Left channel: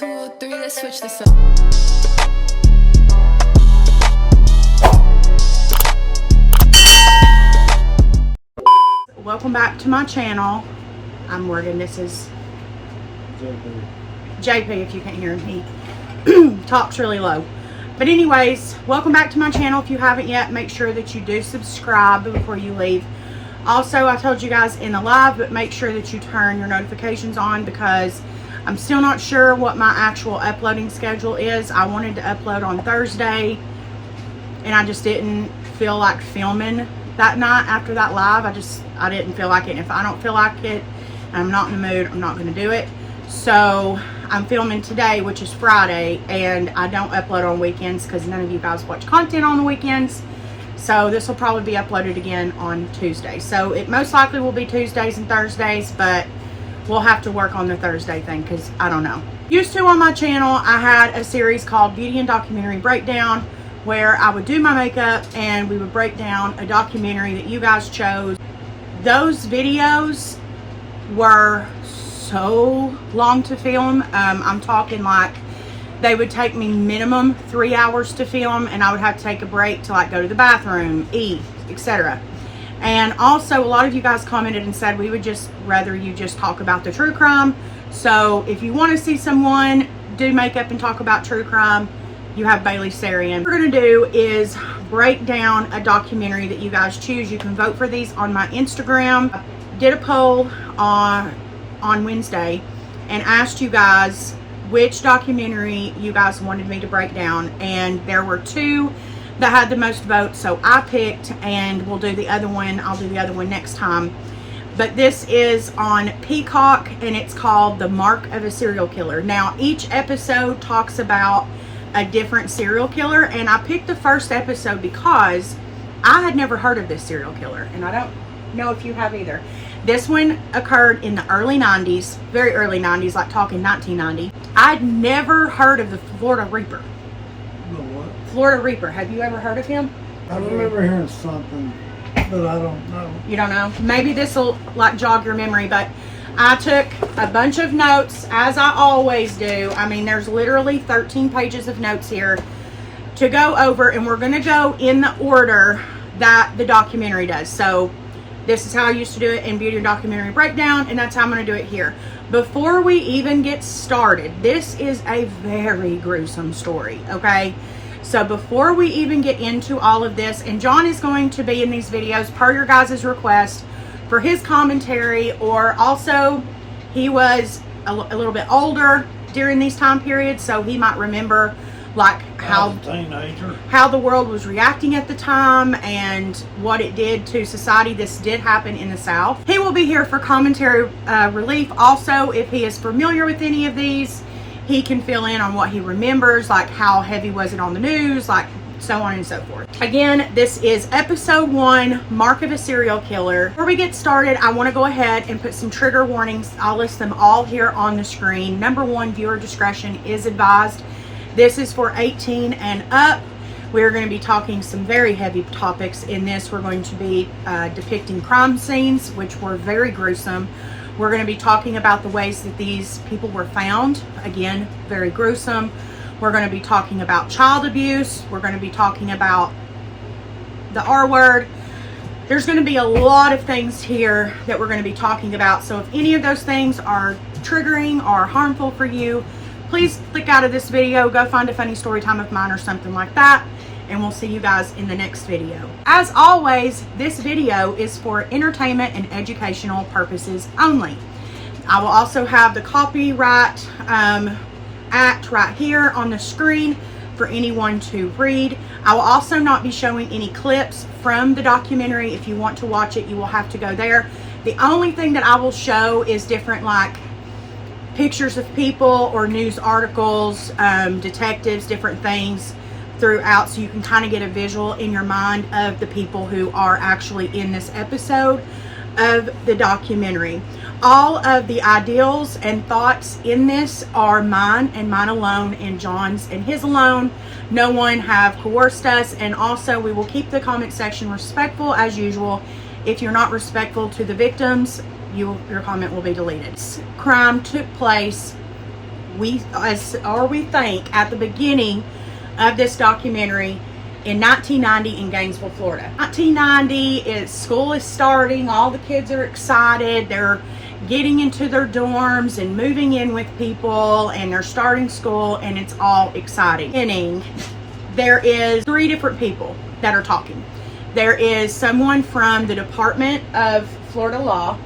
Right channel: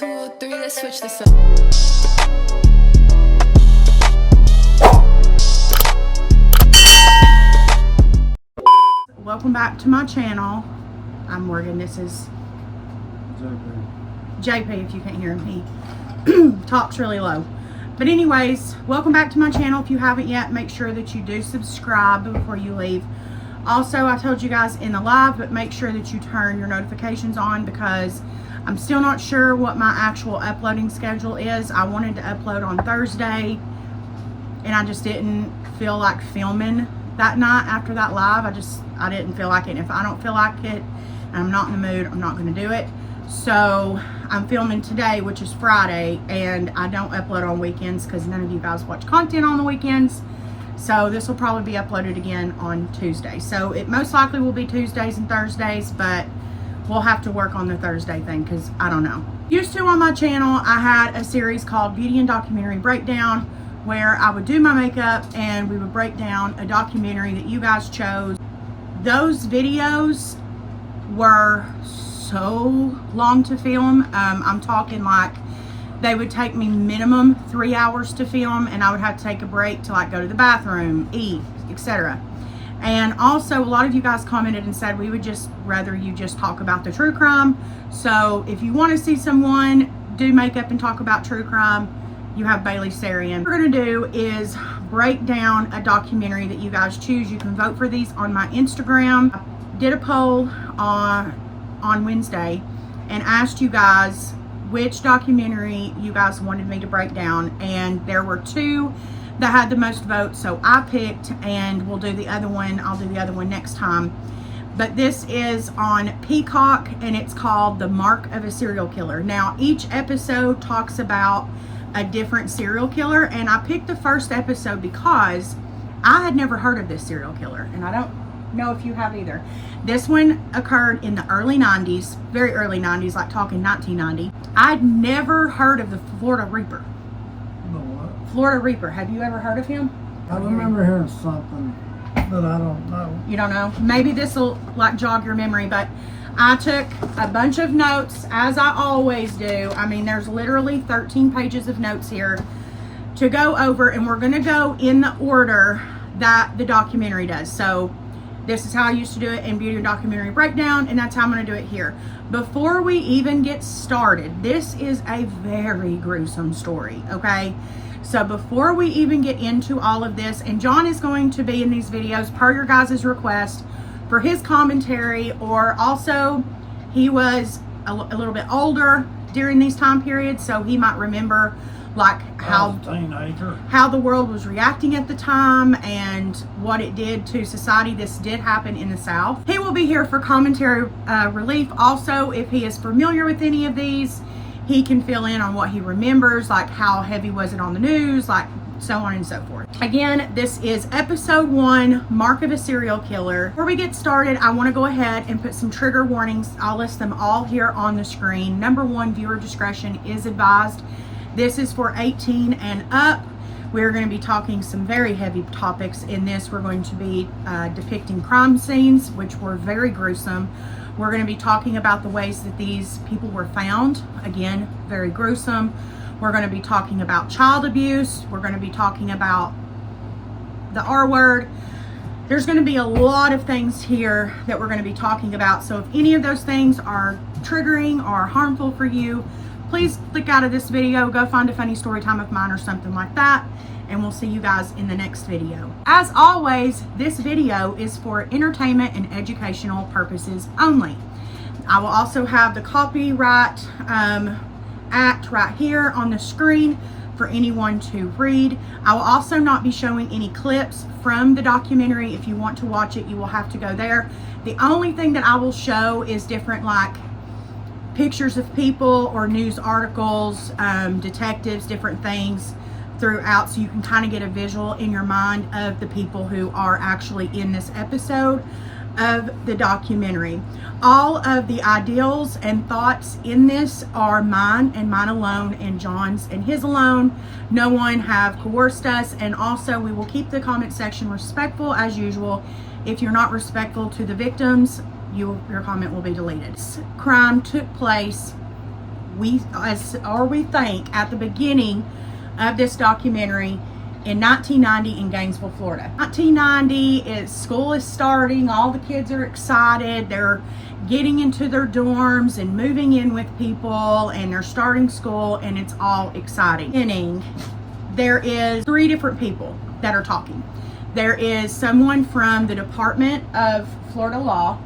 2, 3, let's switch this up. Welcome back to my channel. I'm Morgan. This is JP, if you can't hear him. He talks really low. But anyways, welcome back to my channel. If you haven't yet, make sure that you do subscribe before you leave. Also, I told you guys in the live, but make sure that you turn your notifications on because I'm still not sure what my actual uploading schedule is. I wanted to upload on Thursday and I just didn't feel like filming that night after that live. I didn't feel like it. If I don't feel like it and I'm not in the mood, I'm not going to do it. So I'm filming today, which is Friday, and I don't upload on weekends because none of you guys watch content on the weekends. So this will probably be uploaded again on Tuesday. So it most likely will be Tuesdays and Thursdays, but we'll have to work on the Thursday thing because I don't know. Used to on my channel, I had a series called Beauty and Documentary Breakdown where I would do my makeup and we would break down a documentary that you guys chose. Those videos were so long to film. I'm talking like they would take me minimum 3 hours to film, and I would have to take a break to like go to the bathroom, eat, etc. And also a lot of you guys commented and said we would just rather you just talk about the true crime. So if you want to see someone do makeup and talk about true crime, you have Bailey Sarian. What we're going to do is break down a documentary that you guys choose. You can vote for these on my Instagram. I did a poll on Wednesday and asked you guys which documentary you guys wanted me to break down, and there were two that had the most votes, so I picked, and we'll do the other one. I'll do the other one next time. But this is on Peacock and it's called The Mark of a Serial Killer. Now each episode talks about a different serial killer, and I picked the first episode because I had never heard of this serial killer, and I don't know if you have either. This one occurred in the early 90s, very early 90s, like talking 1990. I'd never heard of the Florida Reaper. What? Florida Reaper. Have you ever heard of him? I remember hearing something, but I don't know. You don't know? Maybe this will like jog your memory, but I took a bunch of notes as I always do. I mean, there's literally 13 pages of notes here to go over, and we're going to go in the order that the documentary does. So this is how I used to do it in Beauty and Documentary Breakdown, and that's how I'm going to do it here. Before we even get started, this is a very gruesome story, okay? So before we even get into all of this, and John is going to be in these videos per your guys' request for his commentary, or also he was a little bit older during these time periods, so he might remember like how the world was reacting at the time and what it did to society. This did happen in the South. He will be here for commentary relief. Also, if he is familiar with any of these, he can fill in on what he remembers, like how heavy was it on the news, like so on and so forth. Again, this is episode 1, Mark of a Serial Killer. Before we get started, I want to go ahead and put some trigger warnings. I'll list them all here on the screen. Number 1, viewer discretion is advised. This is for 18 and up. We're going to be talking some very heavy topics in this. We're going to be depicting crime scenes, which were very gruesome. We're going to be talking about the ways that these people were found. Again, very gruesome. We're going to be talking about child abuse. We're going to be talking about the R word. There's going to be a lot of things here that we're going to be talking about. So if any of those things are triggering or harmful for you, please click out of this video, go find a funny story time of mine or something like that, and we'll see you guys in the next video. As always, this video is for entertainment and educational purposes only. I will also have the copyright act right here on the screen for anyone to read. I will also not be showing any clips from the documentary. If you want to watch it, you will have to go there. The only thing that I will show is different like pictures of people or news articles, detectives, different things throughout, so you can kind of get a visual in your mind of the people who are actually in this episode of the documentary. All of the ideals and thoughts in this are mine and mine alone, and John's and his alone. No one have coerced us, and also we will keep the comment section respectful as usual. If you're not respectful to the victims, your comment will be deleted. This crime took place we think at the beginning of this documentary in 1990 in Gainesville, Florida. 1990, school is starting. All the kids are excited. They're getting into their dorms and moving in with people, and they're starting school, and it's all exciting. There is 3 different people that are talking. There is someone from the Department of Florida Law,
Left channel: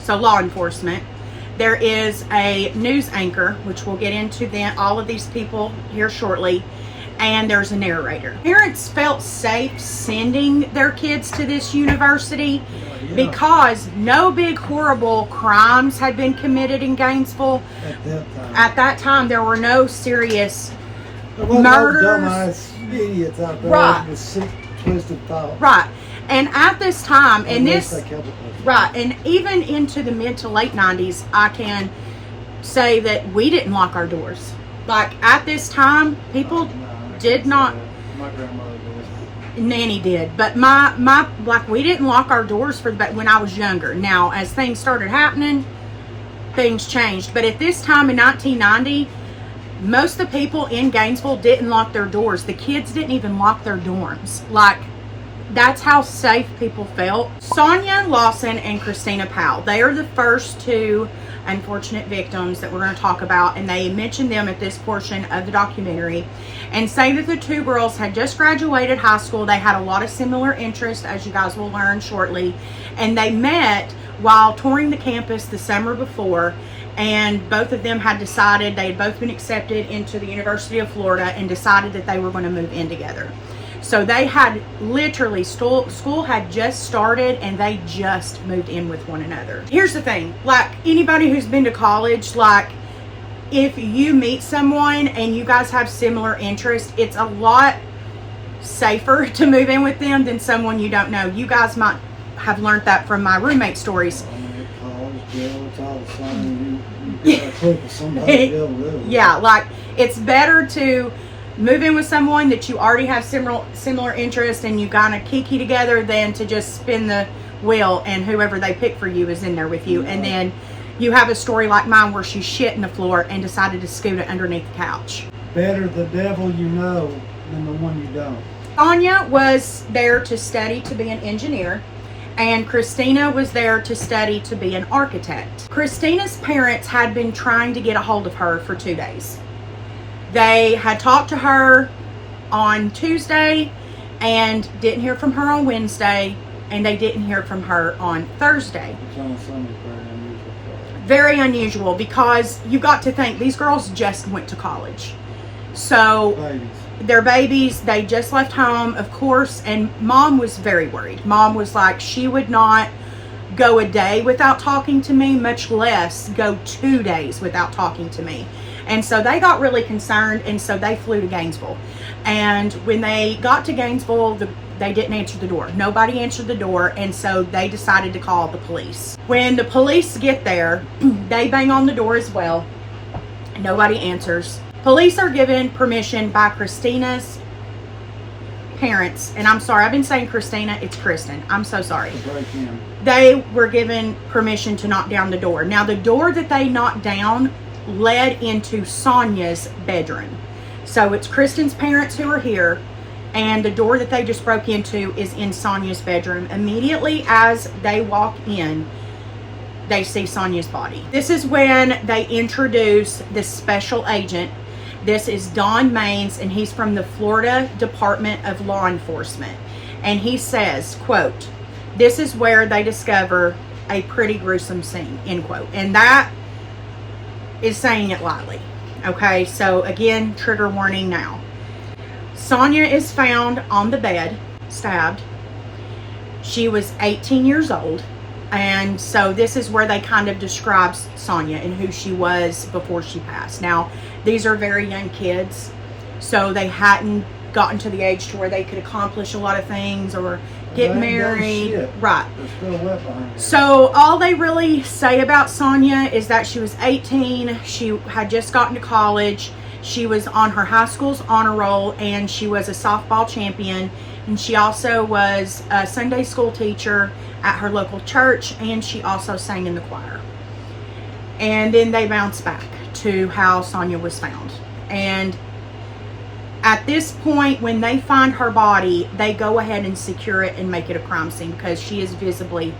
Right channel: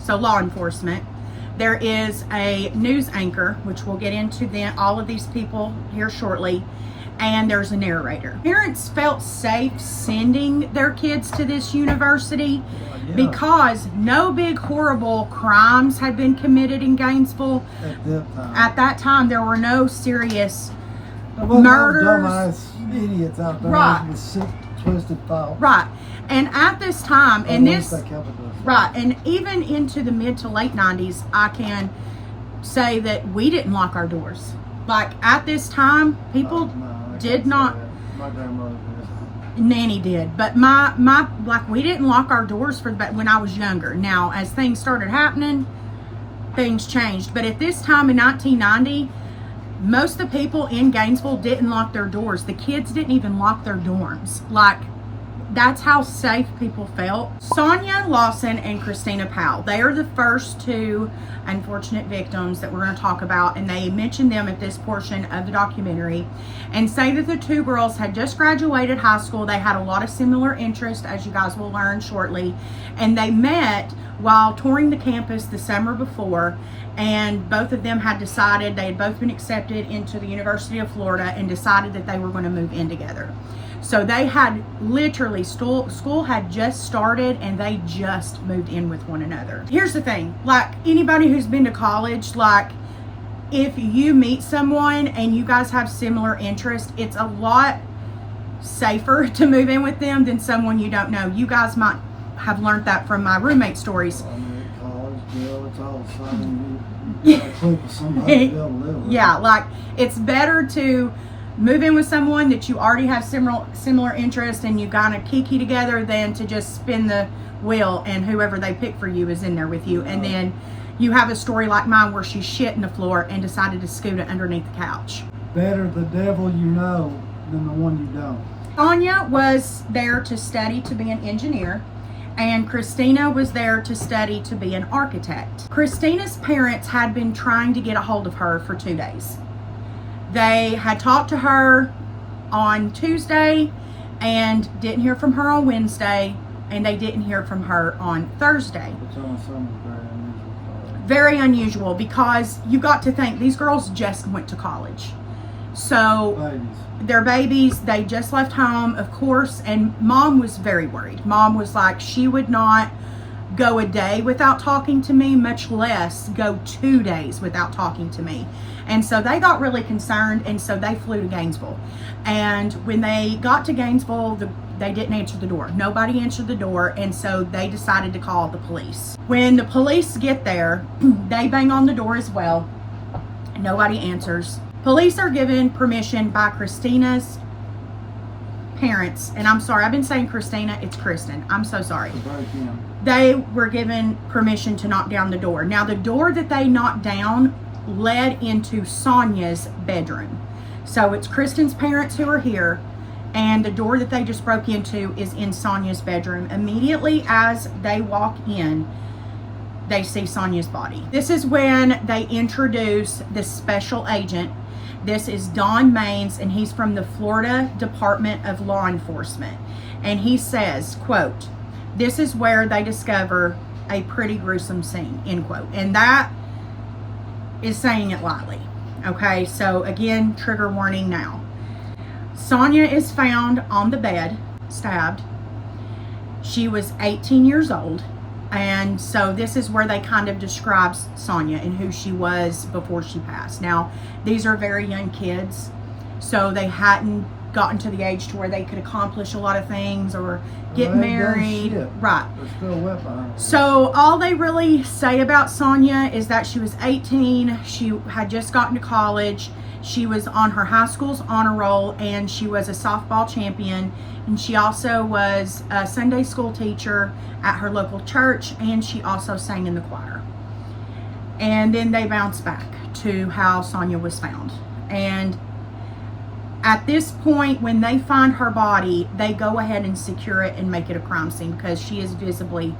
so law enforcement. There is a news anchor, which we'll get into all of these people here shortly. And there's a narrator. Parents felt safe sending their kids to this university because no big horrible crimes had been committed in Gainesville. At that time, there were no serious murders. No dumbass idiots out there with sick, twisted thoughts. Right. And at this time, and even into the mid to late 90s, I can say that we didn't lock our doors. Like at this time, people did not. My grandmother did. Nanny did, but we didn't lock our doors when I was younger. Now, as things started happening, things changed. But at this time in 1990, most of the people in Gainesville didn't lock their doors. The kids didn't even lock their dorms. Like, that's how safe people felt. Sonia Lawson and Christina Powell, they are the first 2 unfortunate victims that we're going to talk about, and they mention them at this portion of the documentary and say that the 2 girls had just graduated high school. They had a lot of similar interests, as you guys will learn shortly, and they met while touring the campus the summer before, and both of them had decided, they had both been accepted into the University of Florida and decided that they were going to move in together. So they had literally, school had just started and they just moved in with one another. Here's the thing, like anybody who's been to college, like if you meet someone and you guys have similar interests, it's a lot safer to move in with them than someone you don't know. You guys might have learned that from my roommate stories. Yeah, like it's better to move in with someone that you already have similar interests and you kind of kiki together than to just spin the wheel and whoever they pick for you is in there with you. And then you have a story like mine where she shit in the floor and decided to scoot it underneath the couch. Better the devil you know than the one you don't. Anya was there to study to be an engineer, and Christina was there to study to be an architect. Christina's parents had been trying to get a hold of her for 2 days. They had talked to her on Tuesday and didn't hear from her on Wednesday, and they didn't hear from her on Thursday. Which on a Sunday is very unusual for her. Very unusual, because you got to think these girls just went to college. So they're babies, they just left home, of course, and mom was very worried. Mom was like, she would not go a day without talking to me, much less go 2 days without talking to me. And so they got really concerned, and so they flew to Gainesville. And when they got to Gainesville, they didn't answer the door. Nobody answered the door, and so they decided to call the police. When the police get there, they bang on the door as well. Nobody answers. Police are given permission by Christina's parents, and I'm sorry, I've been saying Christina, it's Kristen. I'm so sorry. They were given permission to knock down the door. Now, the door that they knocked down led into Sonia's bedroom. So it's Kristen's parents who are here, and the door that they just broke into is in Sonia's bedroom. Immediately as they walk in, they see Sonia's body. This is when they introduce the special agent. This is Don Maines, and he's from the Florida Department of Law Enforcement. And he says, quote, "This is where they discover a pretty gruesome scene," end quote. And that is saying it lightly. Okay, so again, trigger warning now. Sonia is found on the bed, stabbed. She was 18 years old. And so this is where they kind of describe Sonia and who she was before she passed. Now, these are very young kids, so they hadn't gotten to the age to where they could accomplish a lot of things or get married. Right. They're still wet behind her. So all they really say about Sonia is that she was 18. She had just gotten to college. She was on her high school's honor roll, and she was a softball champion. And she also was a Sunday school teacher at her local church, and she also sang in the choir. And then they bounce back to how Sonia was found. And at this point, when they find her body, they go ahead and secure it and make it a crime scene because she is visibly,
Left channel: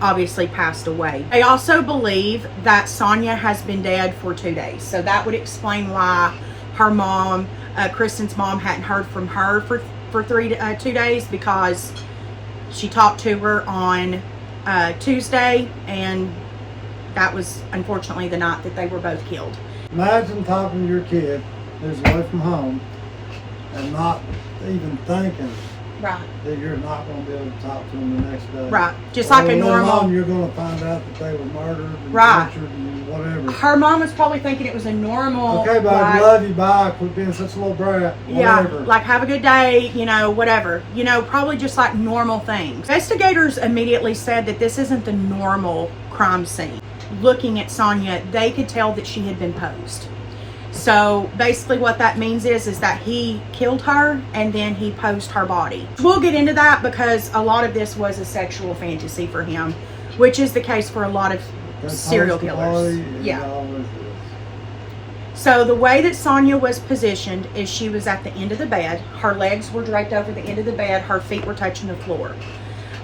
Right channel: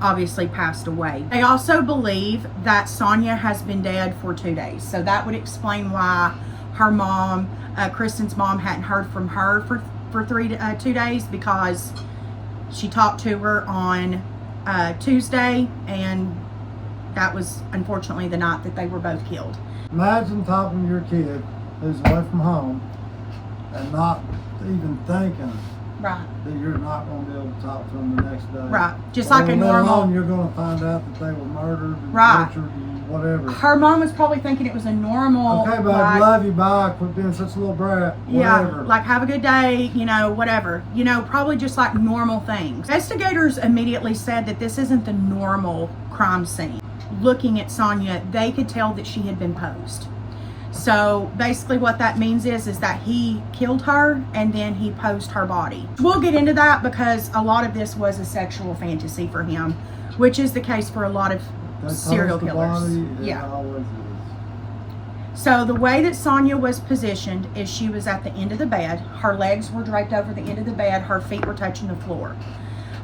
obviously passed away. They also believe that Sonia has been dead for 2 days. So that would explain why her mom, Kristen's mom, hadn't heard from her for 2 days, because she talked to her on Tuesday, and that was unfortunately the night that they were both killed. Imagine talking to your kid who's away from home and not even thinking Right. that you're not going to be able to talk to them the next day. Right. Just like a normal. You're going to find out that they were murdered and Right. tortured and whatever. Her mom was probably thinking it was a normal. Okay, babe, like, love you, bye. Quit being such a little brat. yeah, Whatever. like have a good day, you know, whatever. You know, probably just like normal things. Investigators immediately said that this isn't the normal crime scene. Looking at Sonia, they could tell that she had been posed. So basically what that means is that he killed her and then he posed her body. We'll get into that because a lot of this was a sexual fantasy for him, which is the case for a lot of serial killers. Yeah. So the way that Sonia was positioned is she was at the end of the bed. Her legs were draped over the end of the bed. Her feet were touching the floor.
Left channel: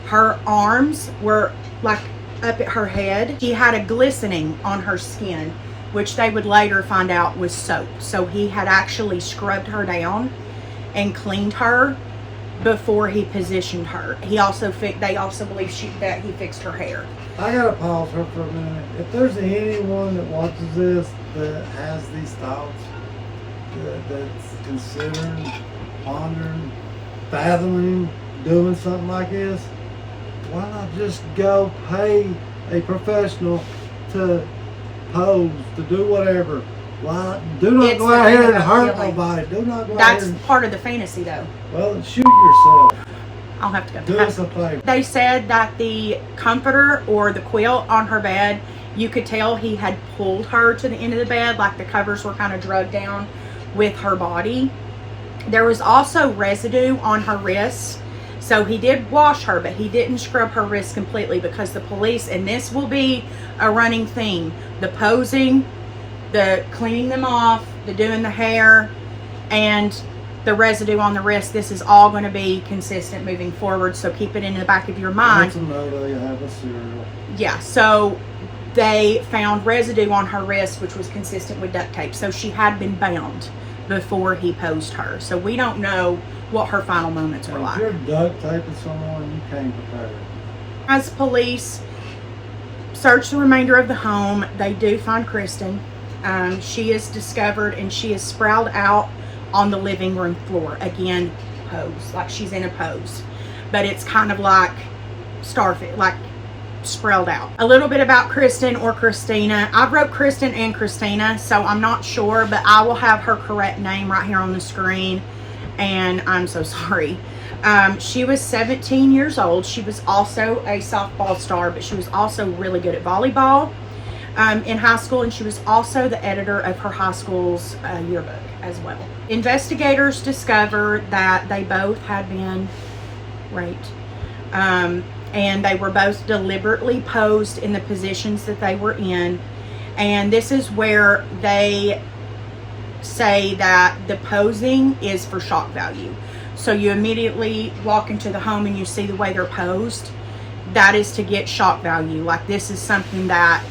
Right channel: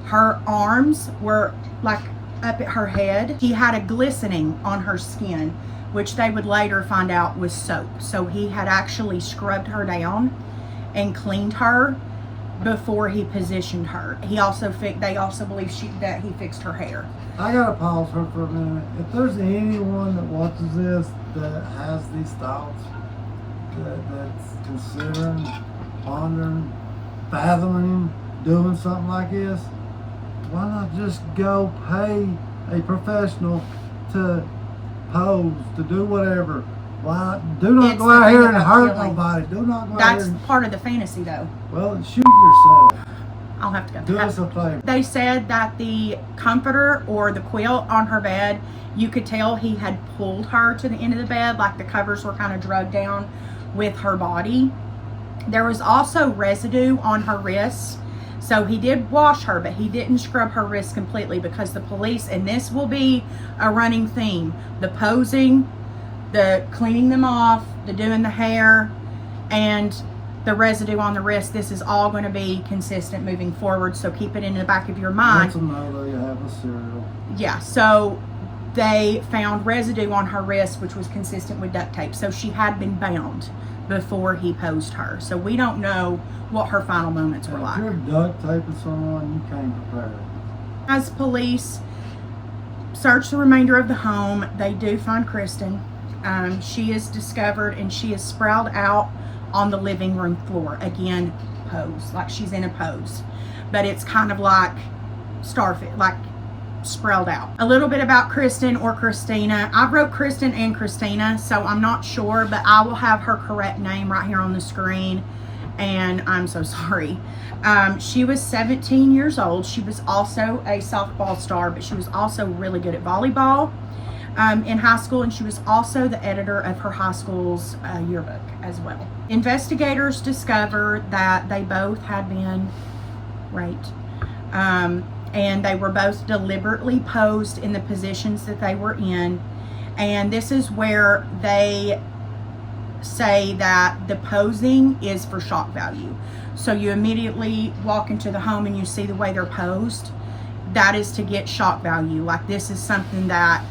Her arms were like up at her head. She had a glistening on her skin, which they would later find out was soap. So he had actually scrubbed her down and cleaned her before he positioned her. They also believe that he fixed her hair. I gotta pause her for a minute. If there's anyone that watches this that has these thoughts, that's considering, pondering, fathoming, doing something like this, why not just go pay a professional to pose, to do whatever? Why? Do not go out here and hurt nobody. Do not go out here. That's part of the fantasy, though. Well, shoot yourself. I'll have to go. Do us a favor. They said that the comforter or the quilt on her bed, you could tell he had pulled her to the end of the bed, like the covers were kind of drugged down with her body. There was also residue on her wrists. So he did wash her, but he didn't scrub her wrists completely because the police, and this will be a running theme, the posing, the cleaning them off, the doing the hair, and the residue on the wrist, this is all going to be consistent moving forward. So keep it in the back of your mind. Once another, you have a cereal. Yeah, so they found residue on her wrist, which was consistent with duct tape. So she had been bound before he posed her. So we don't know what her final moments were like. If you're duct taping someone, you can't prepare. As police search the remainder of the home, they do find Kristen. She is discovered and she is sprawled out on the living room floor. Again, pose, like she's in a pose, but it's kind of like starfish, like sprawled out. A little bit about Kristen or Christina. I wrote Kristen and Christina, so I'm not sure, but I will have her correct name right here on the screen, and I'm so sorry. She was 17 years old. She was also a softball star, but she was also really good at volleyball in high school, and she was also the editor of her high school's yearbook as well. Investigators discovered that they both had been raped, and they were both deliberately posed in the positions that they were in, and this is where they say that the posing is for shock value. So you immediately walk into the home and you see the way they're posed. That is to get shock value. Like, this is something that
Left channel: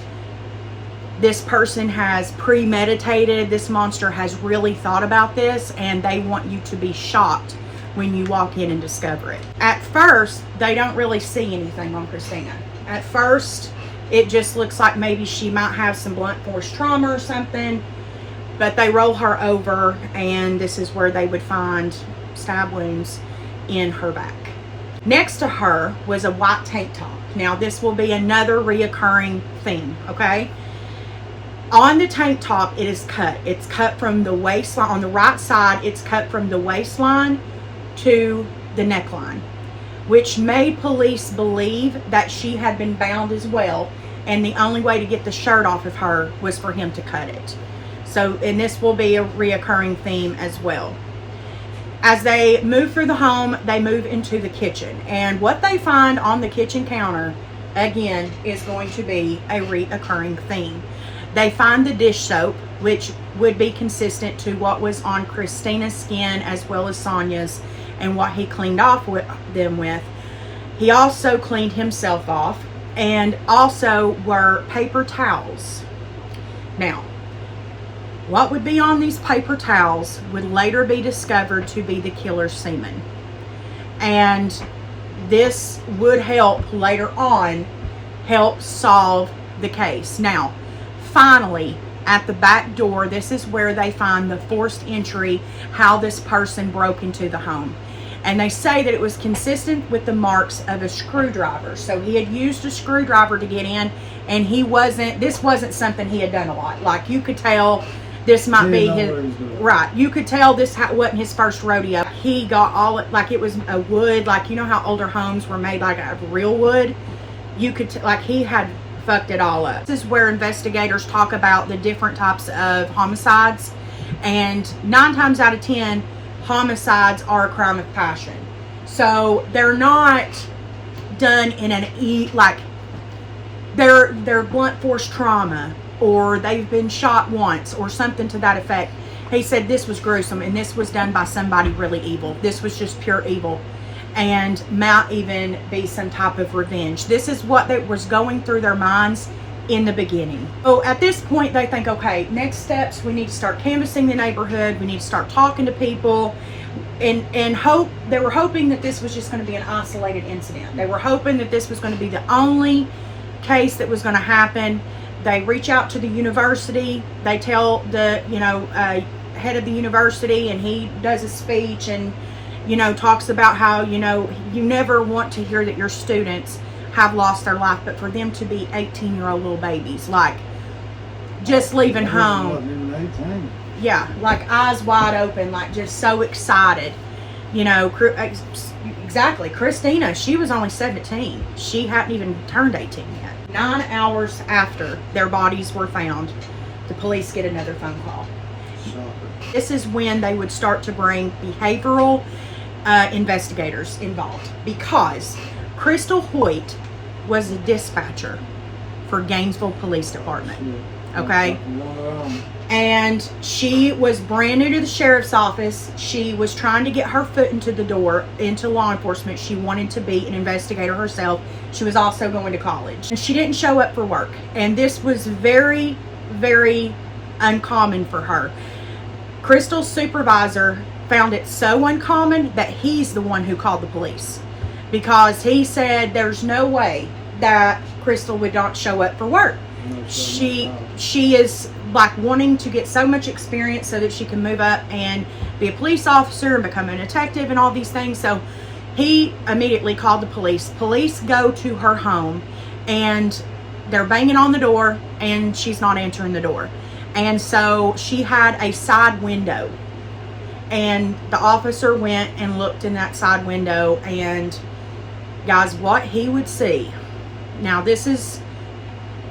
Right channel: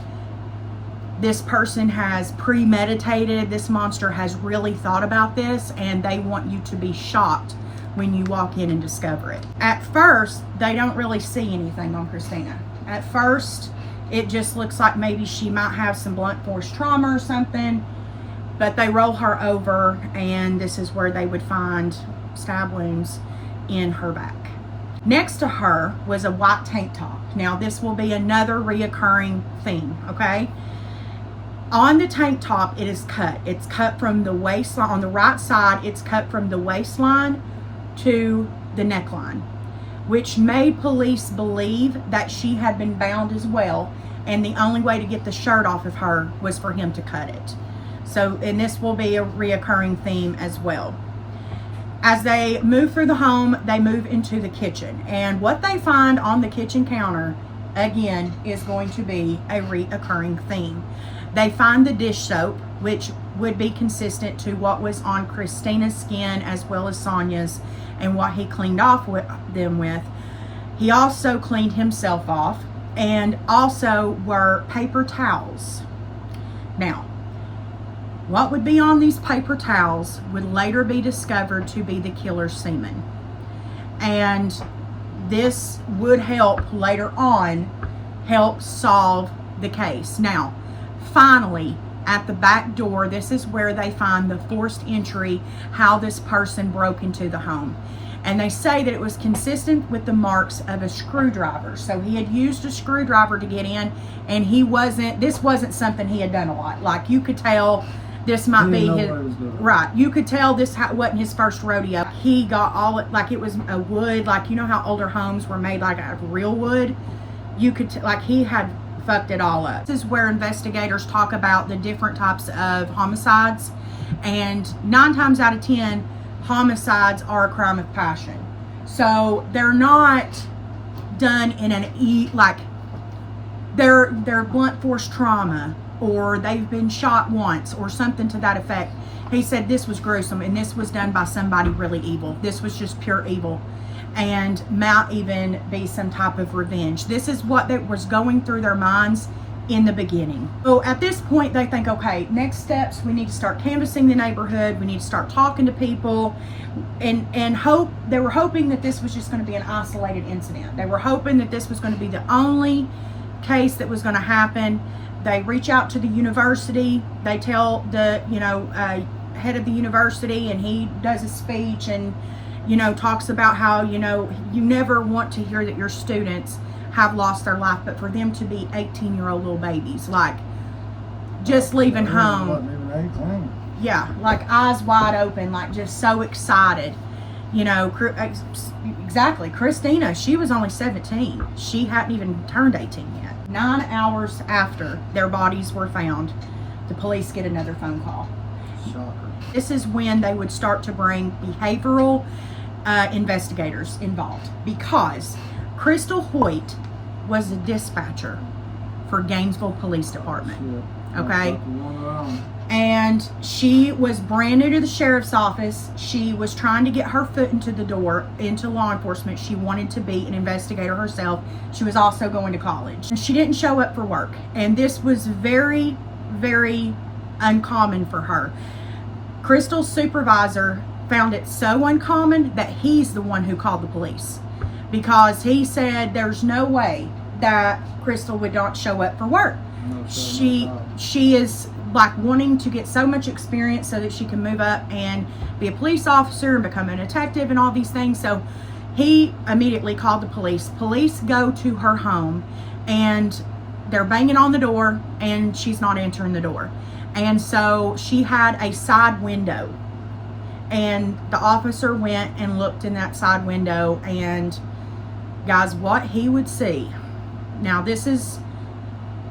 this person has premeditated. This monster has really thought about this, and they want you to be shocked when you walk in and discover it. At first, they don't really see anything on Christina. At first, it just looks like maybe she might have some blunt force trauma or something, but they roll her over, and this is where they would find stab wounds in her back. Next to her was a white tank top. Now, this will be another reoccurring theme, okay? On the tank top, it is cut. It's cut from the waistline. On the right side, it's cut from the waistline to the neckline, which made police believe that she had been bound as well, and the only way to get the shirt off of her was for him to cut it. So, and this will be a reoccurring theme as well. As they move through the home, they move into the kitchen, and what they find on the kitchen counter, again, is going to be a reoccurring theme. They find the dish soap, which would be consistent to what was on Christina's skin as well as Sonia's and what he cleaned off them with. He also cleaned himself off, and also were paper towels. Now, what would be on these paper towels would later be discovered to be the killer's semen. And this would help later on help solve the case. Now, finally, at the back door, this is where they find the forced entry, how this person broke into the home. And they say that it was consistent with the marks of a screwdriver. So he had used a screwdriver to get in, and this wasn't something he had done a lot. Like, you could tell this might be his, right, you could tell this wasn't his first rodeo. He got all, like, it was a wood, like, you know how older homes were made like out of real wood? You could, like, he had fucked it all up. This is where investigators talk about the different types of homicides, and 9 times out of 10, homicides are a crime of passion. So they're not done in they're blunt force trauma, or they've been shot once or something to that effect. He said this was gruesome, and this was done by somebody really evil. This was just pure evil, and might even be some type of revenge. This is what was going through their minds in the beginning. So at this point, they think, okay, next steps, we need to start canvassing the neighborhood, we need to start talking to people, and they were hoping that this was just going to be an isolated incident. They were hoping that this was going to be the only case that was going to happen. They reach out to the university, they tell the head of the university, and he does a speech and talks about how you never want to hear that your students have lost their life, but for them to be 18-year-old little babies, like just leaving home, yeah, like eyes wide open, like just so excited, exactly. Christina, she was only 17. She hadn't even turned 18 yet. 9 hours after their bodies were found, the police get another phone call. Shocker. This is when they would start to bring behavioral investigators involved, because Crystal Hoyt was the dispatcher for Gainesville Police Department. Okay? And she was brand new to the sheriff's office. She was trying to get her foot into the door, into law enforcement. She wanted to be an investigator herself. She was also going to college. And she didn't show up for work. And this was very, very uncommon for her. Crystal's supervisor found it so uncommon that he's the one who called the police, because he said there's no way that Crystal would not show up for work. No, she is like wanting to get so much experience so that she can move up and be a police officer and become a detective and all these things. So he immediately called the police. Police go to her home, and they're banging on the door, and she's not answering the door. And so she had a side window, and the officer went and looked in that side window, and guys, what he would see. Now, this is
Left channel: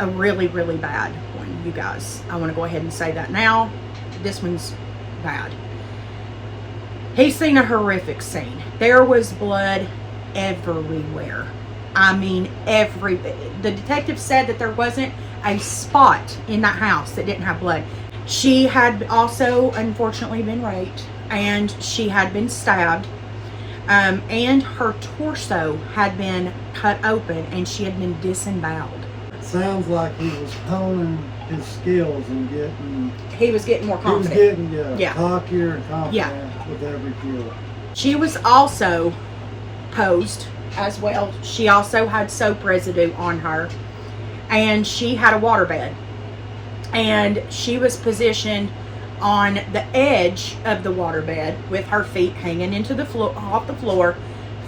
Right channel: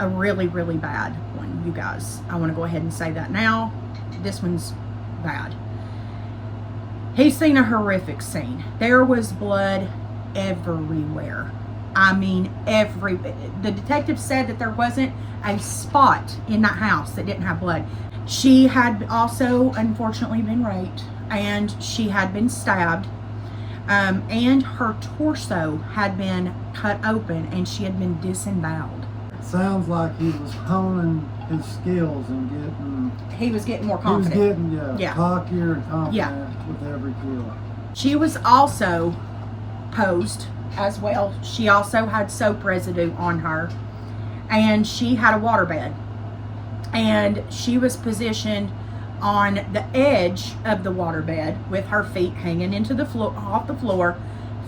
a really, really bad one, you guys. I want to go ahead and say that now. This one's bad. He's seen a horrific scene. There was blood everywhere. I mean, the detective said that there wasn't a spot in that house that didn't have blood. She had also, unfortunately, been raped, and she had been stabbed, and her torso had been cut open, and she had been disemboweled. Sounds like he was honing his skills and he was getting more confident. He was getting cockier and confident with every kill. She was also posed as well. She also had soap residue on her, and she had a waterbed, and she was positioned on the edge of the waterbed with her feet hanging into the floor, off the floor,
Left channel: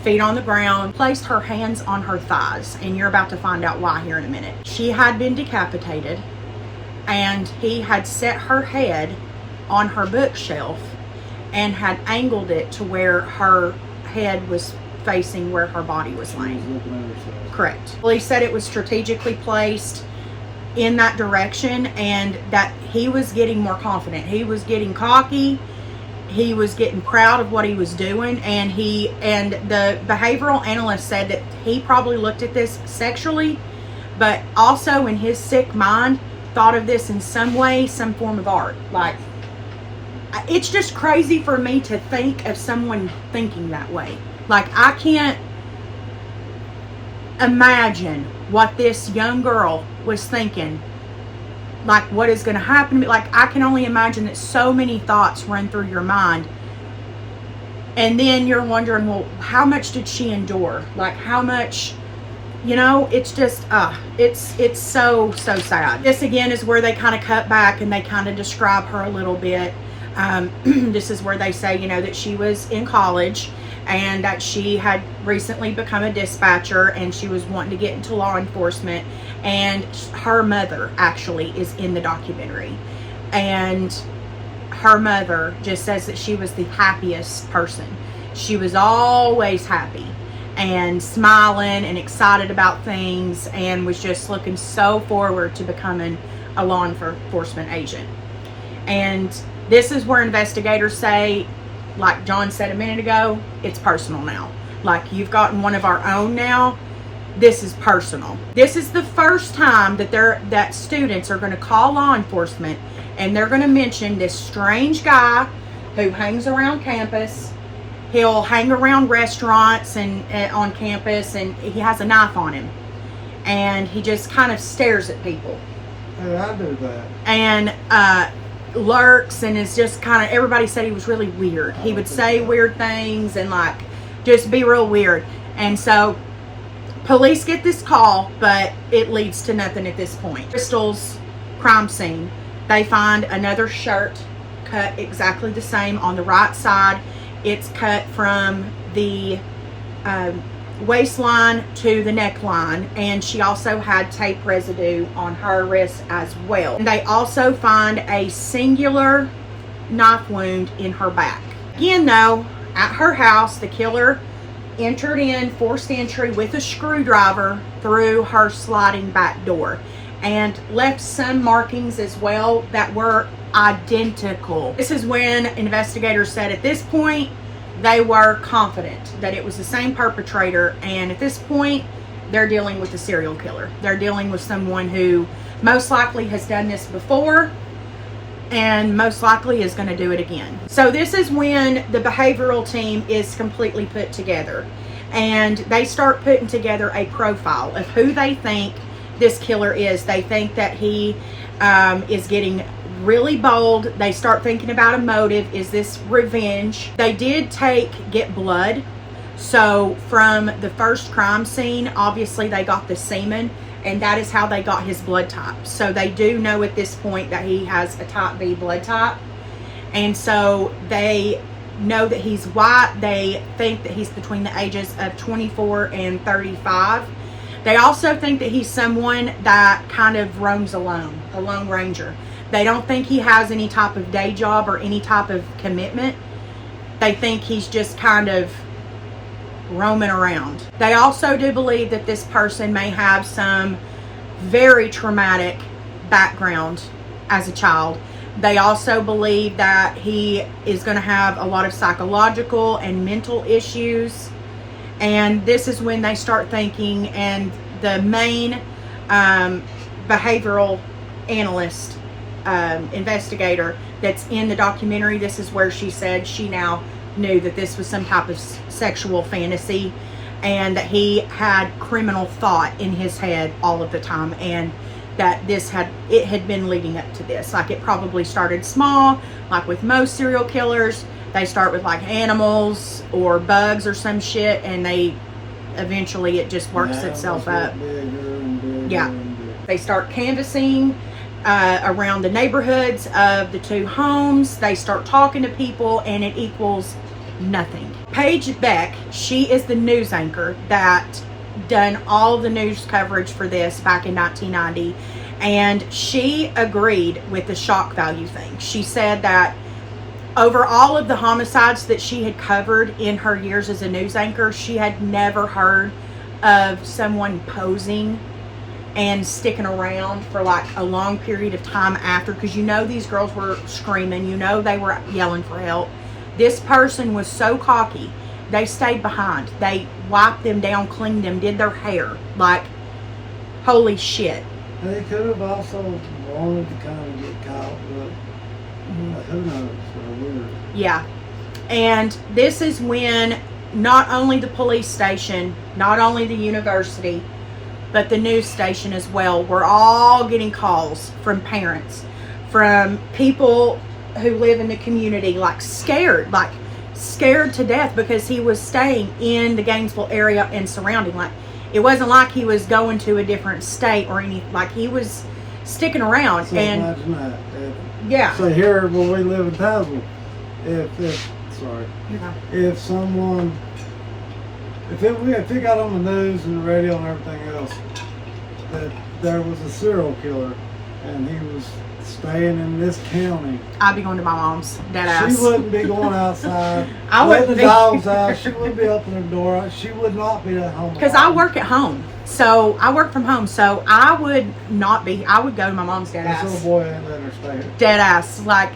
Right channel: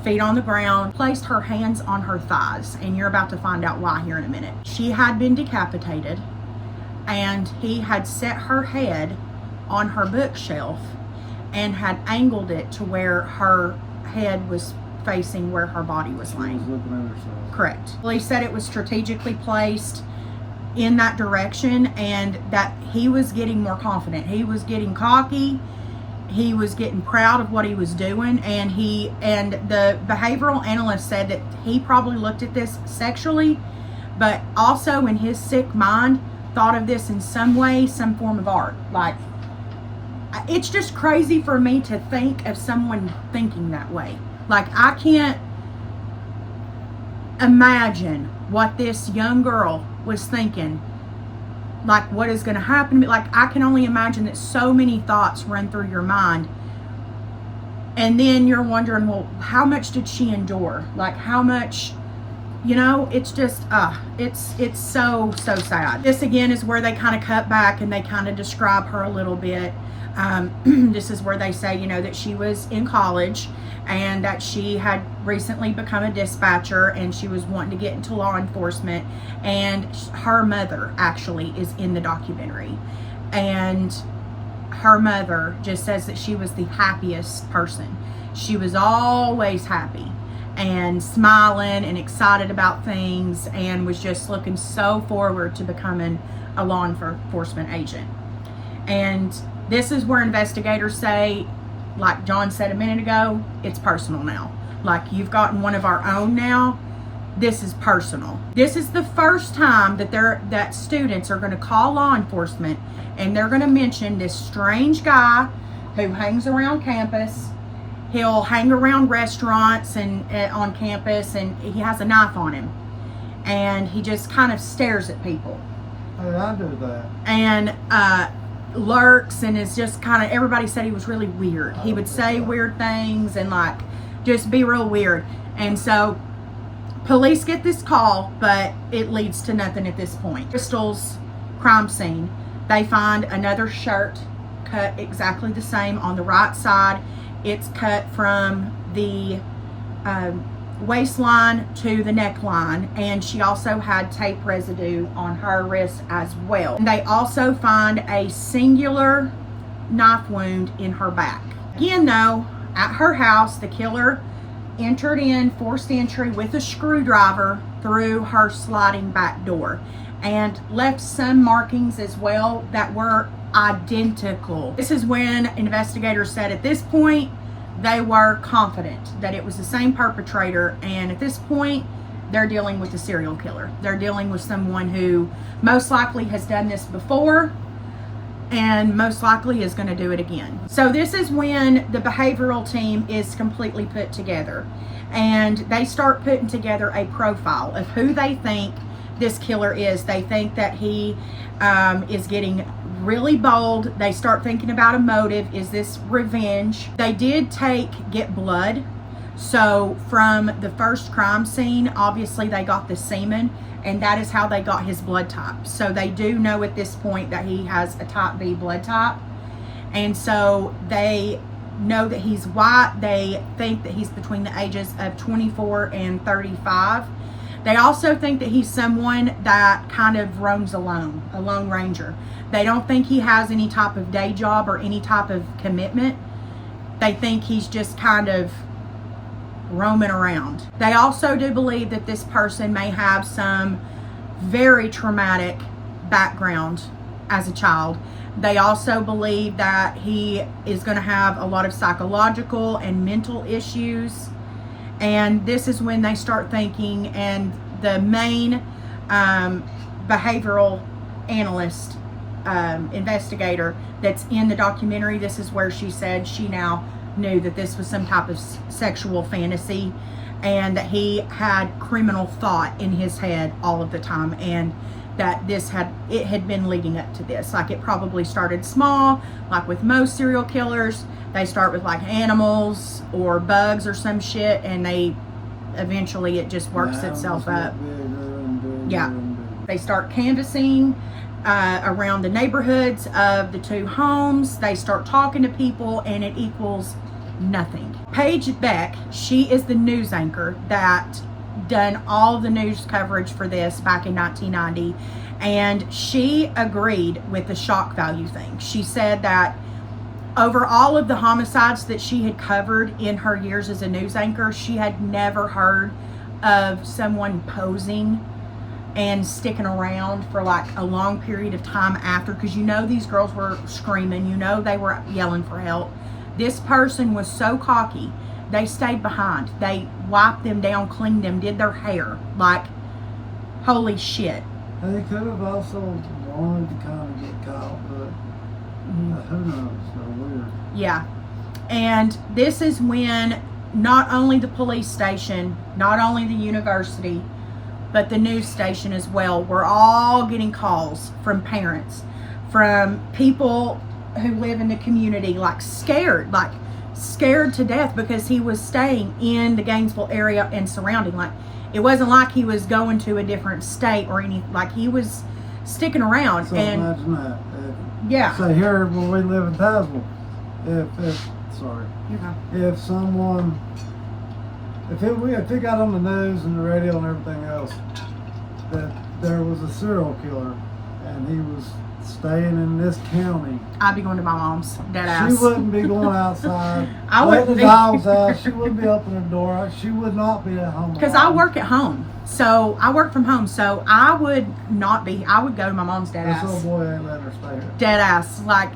feet on the ground, placed her hands on her thighs, and you're about to find out why here in a minute. She had been decapitated, and he had set her head on her bookshelf and had angled it to where her head was facing where her body was laying. Correct. Well, he said it was strategically placed in that direction, and that he was getting more confident. He was getting cocky. He was getting proud of what he was doing, and the behavioral analyst said that he probably looked at this sexually, but also in his sick mind thought of this in some way, some form of art. Like, it's just crazy for me to think of someone thinking that way. Like, I can't imagine what this young girl was thinking. Like, what is going to happen to me? Like, I can only imagine that so many thoughts run through your mind. And then you're wondering, well, how much did she endure? Like, how much, you know, it's just, it's so sad. This again is where they kind of cut back and they kind of describe her a little bit. This is where they say, you know, that she was in college and that she had recently become a dispatcher and she was wanting to get into law enforcement, and her mother actually is in the documentary, and her mother just says that she was the happiest person. She was always happy and smiling and excited about things and was just looking so forward to becoming a law enforcement agent. And this is where investigators say, like John said a minute ago, it's personal now. Like, you've gotten one of our own now. This is personal. This is the first time that students are going to call law enforcement and they're going to mention this strange guy who hangs around campus. He'll hang around restaurants and on campus, and he has a knife on him, and he just kind of stares at people. Hey, I do that. And lurks, and is just kind of, everybody said he was really weird. He would say weird things and like just be real weird. And so police get this call, but it leads to nothing at this point. Crystal's crime scene, they find another shirt cut exactly the same on the right side. It's cut from the waistline to the neckline, and she also had tape residue on her wrist as well. And they also find a singular knife wound in her back. Again though, at her house, the killer entered in forced entry with a screwdriver through her sliding back door and left some markings as well that were identical. This is when investigators said at this point they were confident that it was the same perpetrator, and at this point they're dealing with a serial killer. They're dealing with someone who most likely has done this before and most likely is going to do it again. So this is when the behavioral team is completely put together, and they start putting together a profile of who they think this killer is. They think that he is getting really bold. They start thinking about a motive. Is this revenge? They did get blood. So from the first crime scene, obviously they got the semen, and that is how they got his blood type. So they do know at this point that he has a type B blood type. And so they know that he's white. They think that he's between the ages of 24 and 35. They also think that he's someone that kind of roams alone, a lone ranger. They don't think he has any type of day job or any type of commitment. They think he's just kind of roaming around. They also do believe that this person may have some very traumatic background as a child. They also believe that he is going to have a lot of psychological and mental issues. And this is when they start thinking, and the main behavioral analyst investigator that's in the documentary, this is where she said she now knew that this was some type of sexual fantasy, and that he had criminal thought in his head all of the time, and that it had been leading up to this. Like, it probably started small, like with most serial killers. They start with like animals or bugs or some shit, and they eventually it just works itself up. Yeah. They start canvassing around the neighborhoods of the two homes. They start talking to people, and it equals nothing. Paige Beck, she is the news anchor that done all the news coverage for this back in 1990, and she agreed with the shock value thing. She said that over all of the homicides that she had covered in her years as a news anchor, she had never heard of someone posing and sticking around for like a long period of time after, because you know these girls were screaming, you know they were yelling for help. This person was so cocky, they stayed behind. They wiped them down, cleaned them, did their hair. Like, holy shit. They could have also wanted to kind of get caught, but who knows? They're weird. Yeah. And this is when not only the police station, not only the university, but the news station as well, we're all getting calls from parents, from people who live in the community, like scared to death because he was staying in the Gainesville area and surrounding. Like, it wasn't like he was going to a different state or anything. Like, he was sticking around. So and imagine that. yeah. So here where we live in Tazewell, if it got on the news and the radio and everything else that there was a serial killer and he was staying in this county, I'd be going to my mom's, dead ass. she wouldn't be going outside. I letting wouldn't the be. dogs out. She wouldn't be opening the door. She would not be at home. Because I work at home. So I work from home. So I would not be. I would go to my mom's, dead This ass. little boy ain't letting her stay here. Dead ass. Like,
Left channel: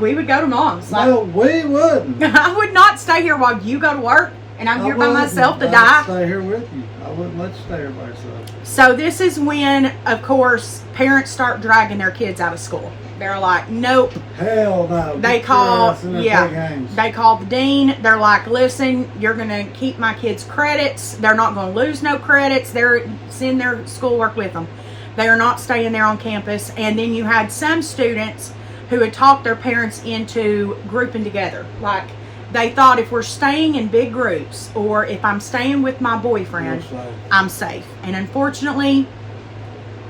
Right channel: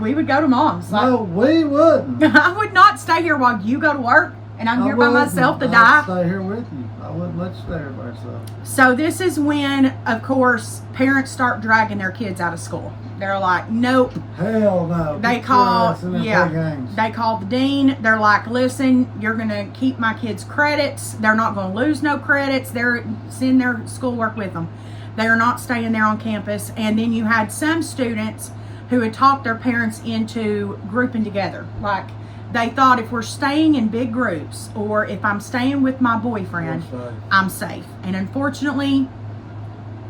we would go to mom's. Like, No, we wouldn't. I would not stay here while you go to work and I'm here by wouldn't. myself to I'd die. stay here with you. I wouldn't let you stay here by yourself. So this is when, of course, parents start dragging their kids out of school. They're like, nope. Hell no. They Get call, your ass in their big games. they call the dean. They're like, listen, you're going to keep my kids' credits. They're not going to lose no credits. They're send their schoolwork with them. They are not staying there on campus. And then you had some students who had talked their parents into grouping together. Like, they thought, if we're staying in big groups or if I'm staying with my boyfriend, I'm safe. And unfortunately,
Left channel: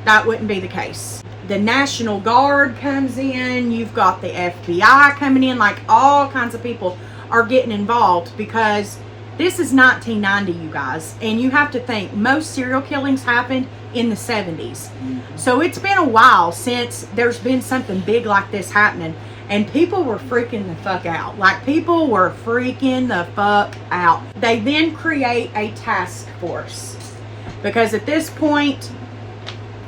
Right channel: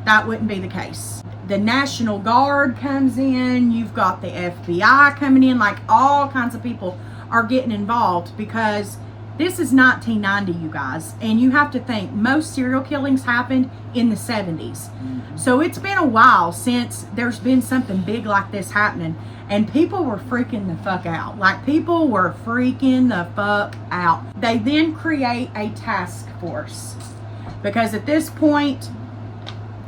that wouldn't be the case. The National Guard comes in, you've got the FBI coming in, like all kinds of people are getting involved because this is 1990, you guys. And you have to think, most serial killings happened in the 70s. So it's been a while since there's been something big like this happening. And people were freaking the fuck out. Like, people were freaking the fuck out. They then create a task force. Because at this point,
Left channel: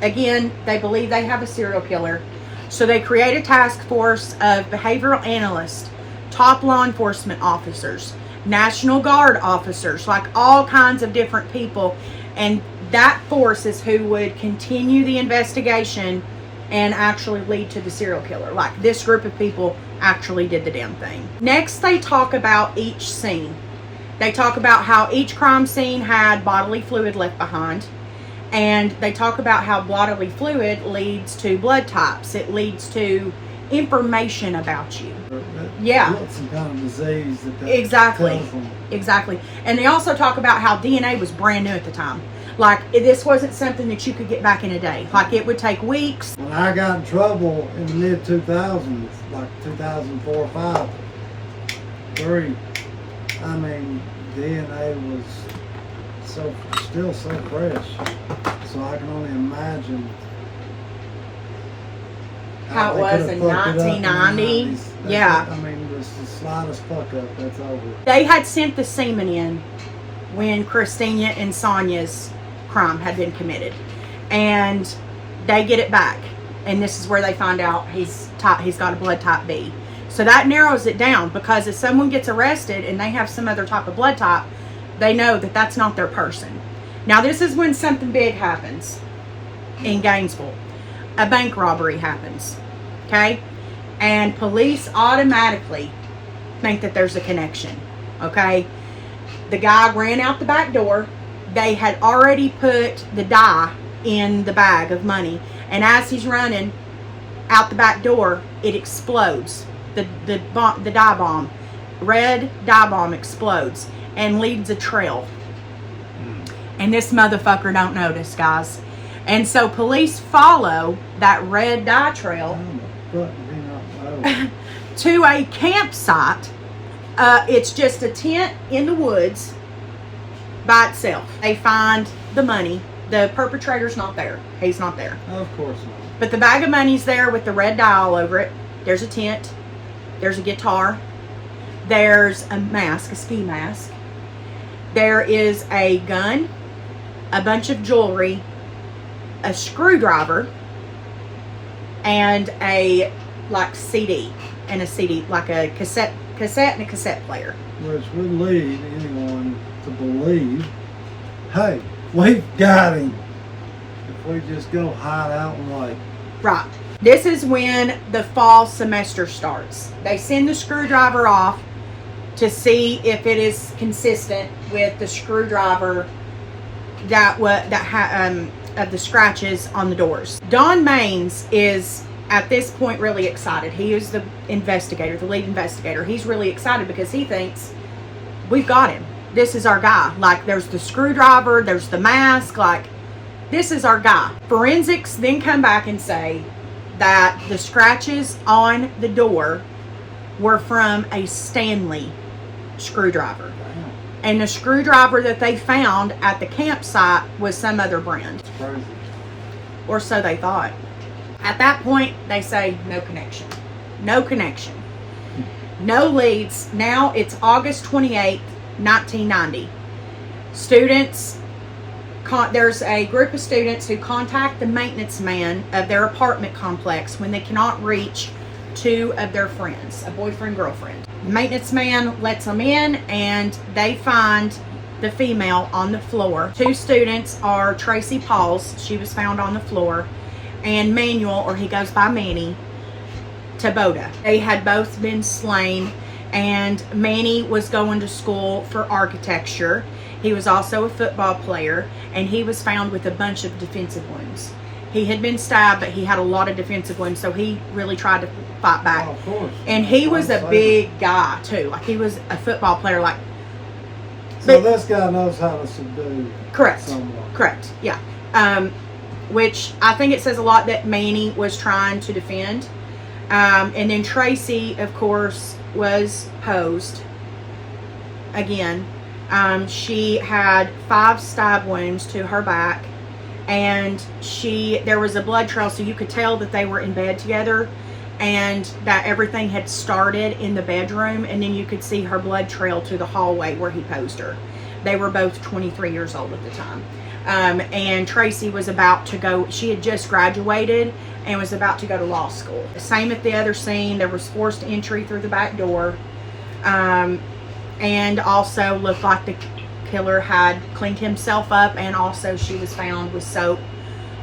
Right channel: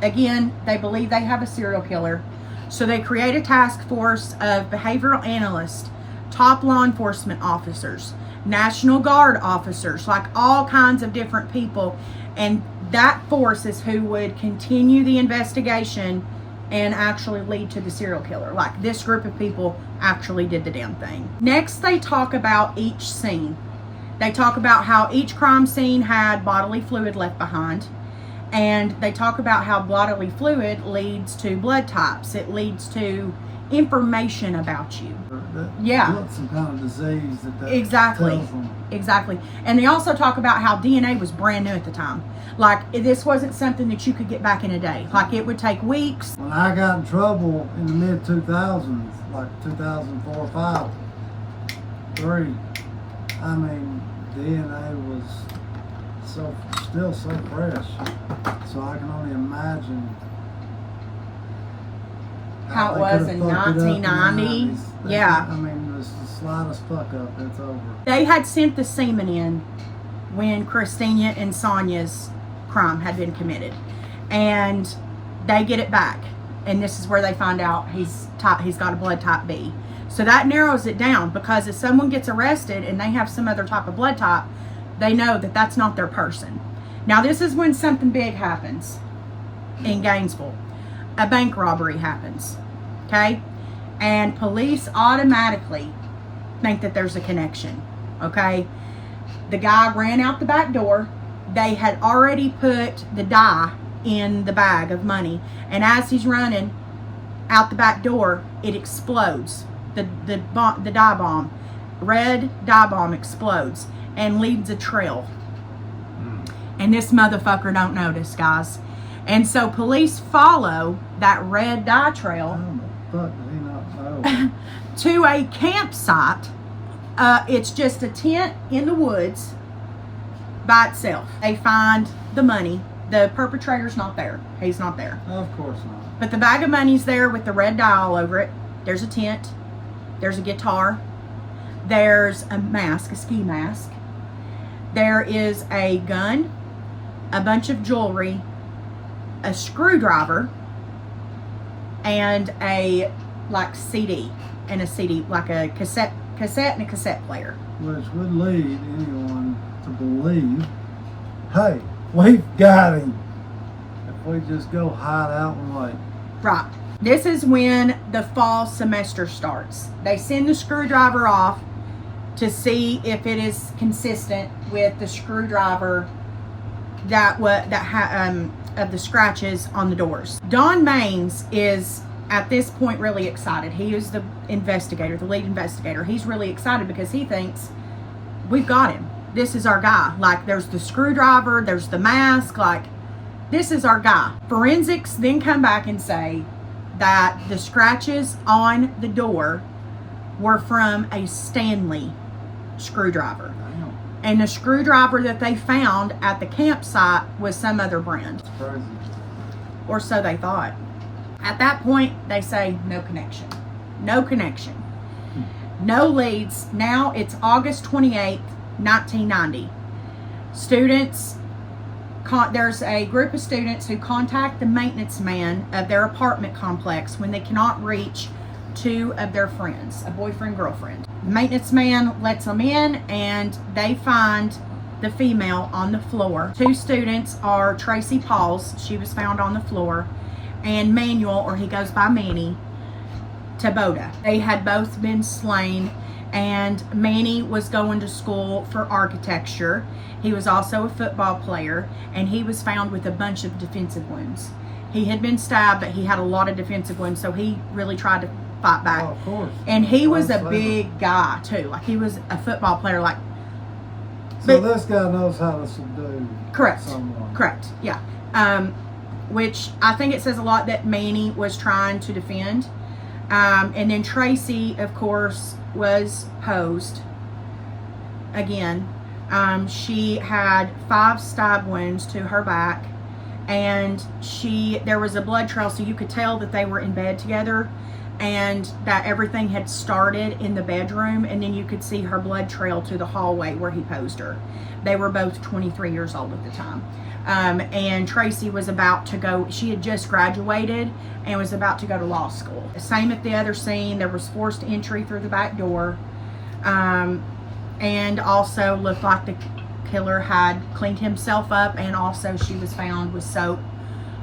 again, they believe they have a serial killer. So they create a task force of behavioral analysts, top law enforcement officers, National Guard officers, like all kinds of different people. And that force is who would continue the investigation and actually lead to the serial killer. Like, this group of people actually did the damn thing. Next, they talk about each scene. They talk about how each crime scene had bodily fluid left behind. And they talk about how bodily fluid leads to blood types. It leads to information about you. Yeah. Some kind of disease that exactly. tells them. Exactly. And they also talk about how DNA was brand new at the time. Like, this wasn't something that you could get back in a day. Like, it would take weeks. When I got in trouble in the mid-2000s, like 2004, 5, 3, I mean, DNA was still so fresh. So I can only imagine how it they was could have in fucked it up 1990. the 90s. Yeah. I mean, it's the slightest fuck up, that's over. They had sent the semen in when Christina and Sonia's crime had been committed. And they get it back. And this is where they find out he's got a blood type B. So that narrows it down, because if someone gets arrested and they have some other type of blood type, they know that that's not their person. Now, this is when something big happens in Gainesville. A bank robbery happens, okay? And police automatically think that there's a connection, okay? The guy ran out the back door. They had already put the dye in the bag of money. And as he's running out the back door, it explodes. The dye bomb, red dye bomb explodes and leaves a trail. And this motherfucker don't notice, guys. And so police follow that red dye trail to a campsite. It's just a tent in the woods by itself. They find the money. The perpetrator's not there. He's not there. Of course not. But the bag of money's there with the red dye all over it. There's a tent. There's a guitar. There's a mask, a ski mask. There is a gun, a bunch of jewelry, a screwdriver, and a CD, and a CD, like a cassette and a cassette player. Which would lead anyone to believe, hey, we've got him. If if we just go hide out and wait. Right. This is when the fall semester starts. They send the screwdriver off to see if it is consistent with the screwdriver of the scratches on the doors. Don Maines is at this point really excited. He is the investigator, the lead investigator. He's really excited because he thinks we've got him. This is our guy. Like, there's the screwdriver, there's the mask, like, this is our guy. Forensics then come back and say that the scratches on the door were from a Stanley screwdriver. Damn. And the screwdriver that they found at the campsite was some other brand. It's crazy. Or so they thought. At that point, they say no connection. No connection. No leads. Now it's August 28th, 1990. There's a group of students who contact the maintenance man of their apartment complex when they cannot reach two of their friends, a boyfriend, girlfriend. Maintenance man lets them in and they find the female on the floor. Two students are Tracy Pauls, she was found on the floor, and Manuel, or he goes by Manny, Taboda. They had both been slain, and Manny was going to school for architecture. He was also a football player, and he was found with a bunch of defensive wounds. He had been stabbed, but he had a lot of defensive wounds, so he really tried to fight back. Oh, of course. And he was a big guy too. Like, he was a football player. Like, so this guy knows how to subdue someone. Correct. Yeah. Which I think it says a lot that Manny was trying to defend. And then Tracy, of course, was posed again. She had 5 stab wounds to her back, and there was a blood trail, so you could tell that they were in bed together and that everything had started in the bedroom, and then you could see her blood trail to the hallway where he posed her. They were both 23 years old at the time. And Tracy was about to go, she had just graduated and was about to go to law school. Same at the other scene, there was forced entry through the back door. And also looked like the killer had cleaned himself up, and also she was found with soap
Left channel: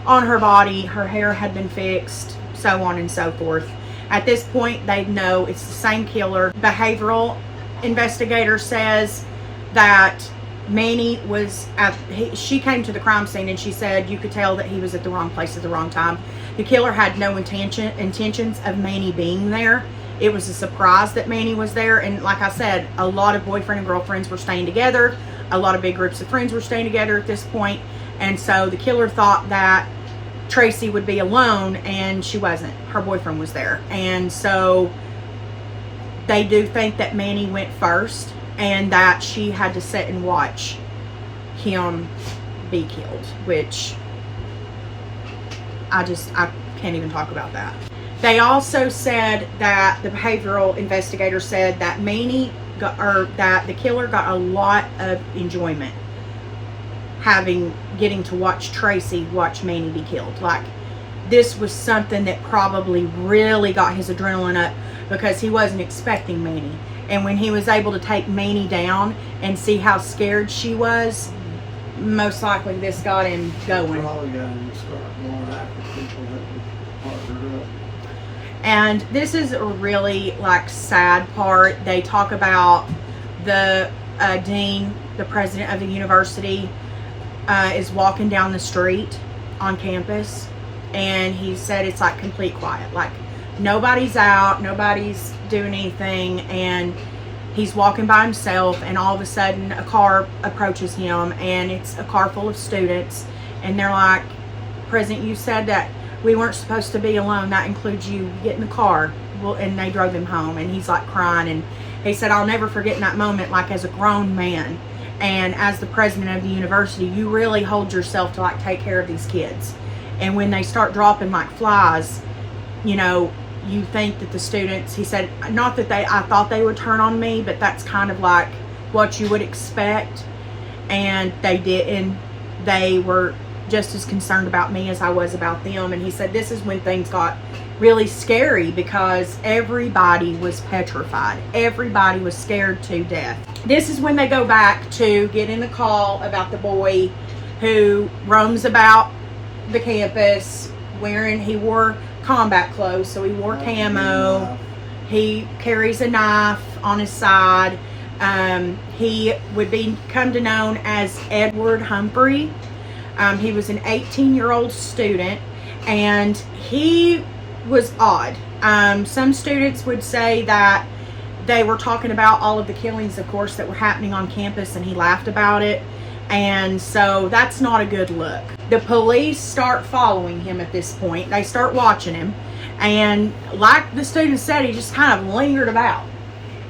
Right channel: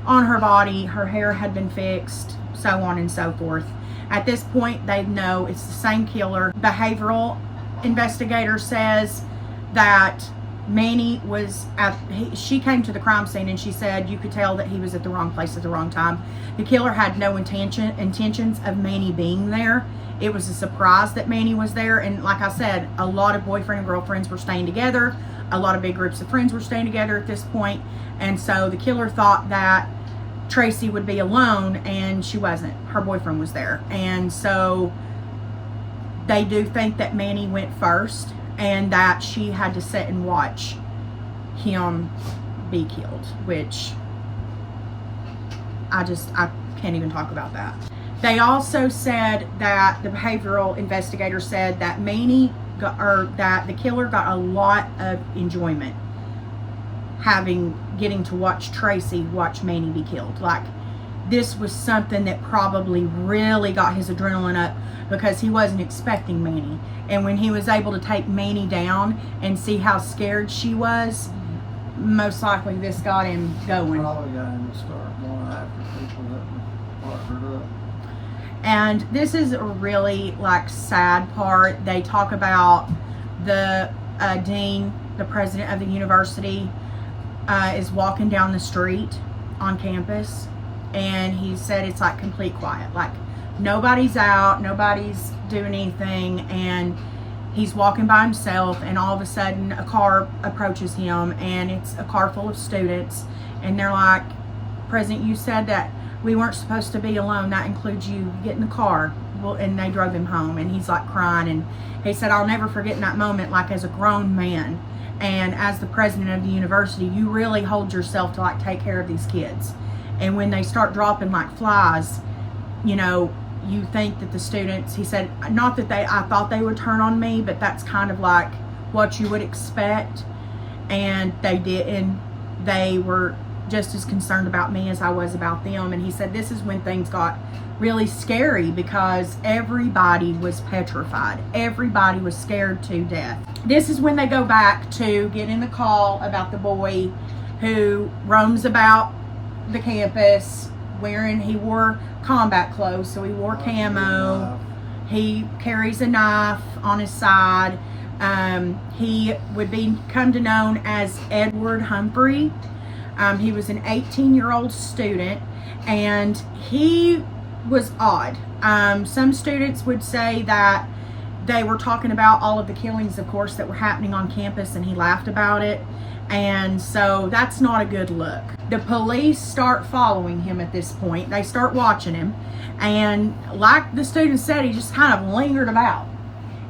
on her body, her hair had been fixed, so on and so forth. At this point, they know it's the same killer. Behavioral investigator says that Manny was she came to the crime scene and she said you could tell that he was at the wrong place at the wrong time. The killer had no intentions of Manny being there. It was a surprise that Manny was there, and like I said, a lot of boyfriend and girlfriends were staying together. A lot of big groups of friends were staying together at this point, and so the killer thought that Tracy would be alone, and she wasn't. Her boyfriend was there, and so they do think that Manny went first and that she had to sit and watch him be killed, which I can't even talk about that. They also said that the behavioral investigator said that that the killer got a lot of enjoyment getting to watch Tracy watch Manny be killed. Like, this was something that probably really got his adrenaline up because he wasn't expecting Manny. And when he was able to take Manny down and see how scared she was, most likely this got him going. Probably got him to start going after people that would partner up. And this is a really sad part. They talk about the dean, the president of the university, is walking down the street on campus, and he said it's like complete quiet. Like, nobody's out, nobody's doing anything, and he's walking by himself, and all of a sudden a car approaches him, and it's a car full of students, and they're like, President, you said that we weren't supposed to be alone. That includes you. Get in the car. Well, and they drove him home, and he's like crying, and he said, I'll never forget that moment, like, as a grown man and as the president of the university, you really hold yourself to take care of these kids. And when they start dropping like flies, you think that the students, he said, not that I thought they would turn on me, but that's kind of like what you would expect. And they didn't. They were just as concerned about me as I was about them. And he said this is when things got really scary because everybody was petrified. Everybody was scared to death. This is when they go back to getting the call about the boy who roams about the campus he wore combat clothes, so he wore camo. He carries a knife on his side. He would come to known as Edward Humphrey. He was an 18-year-old student, and he was odd. Some students would say that they were talking about all of the killings, of course, that were happening on campus, and he laughed about it. And so that's not a good look. The police start following him at this point. They start watching him. And like the student said, he just kind of lingered about.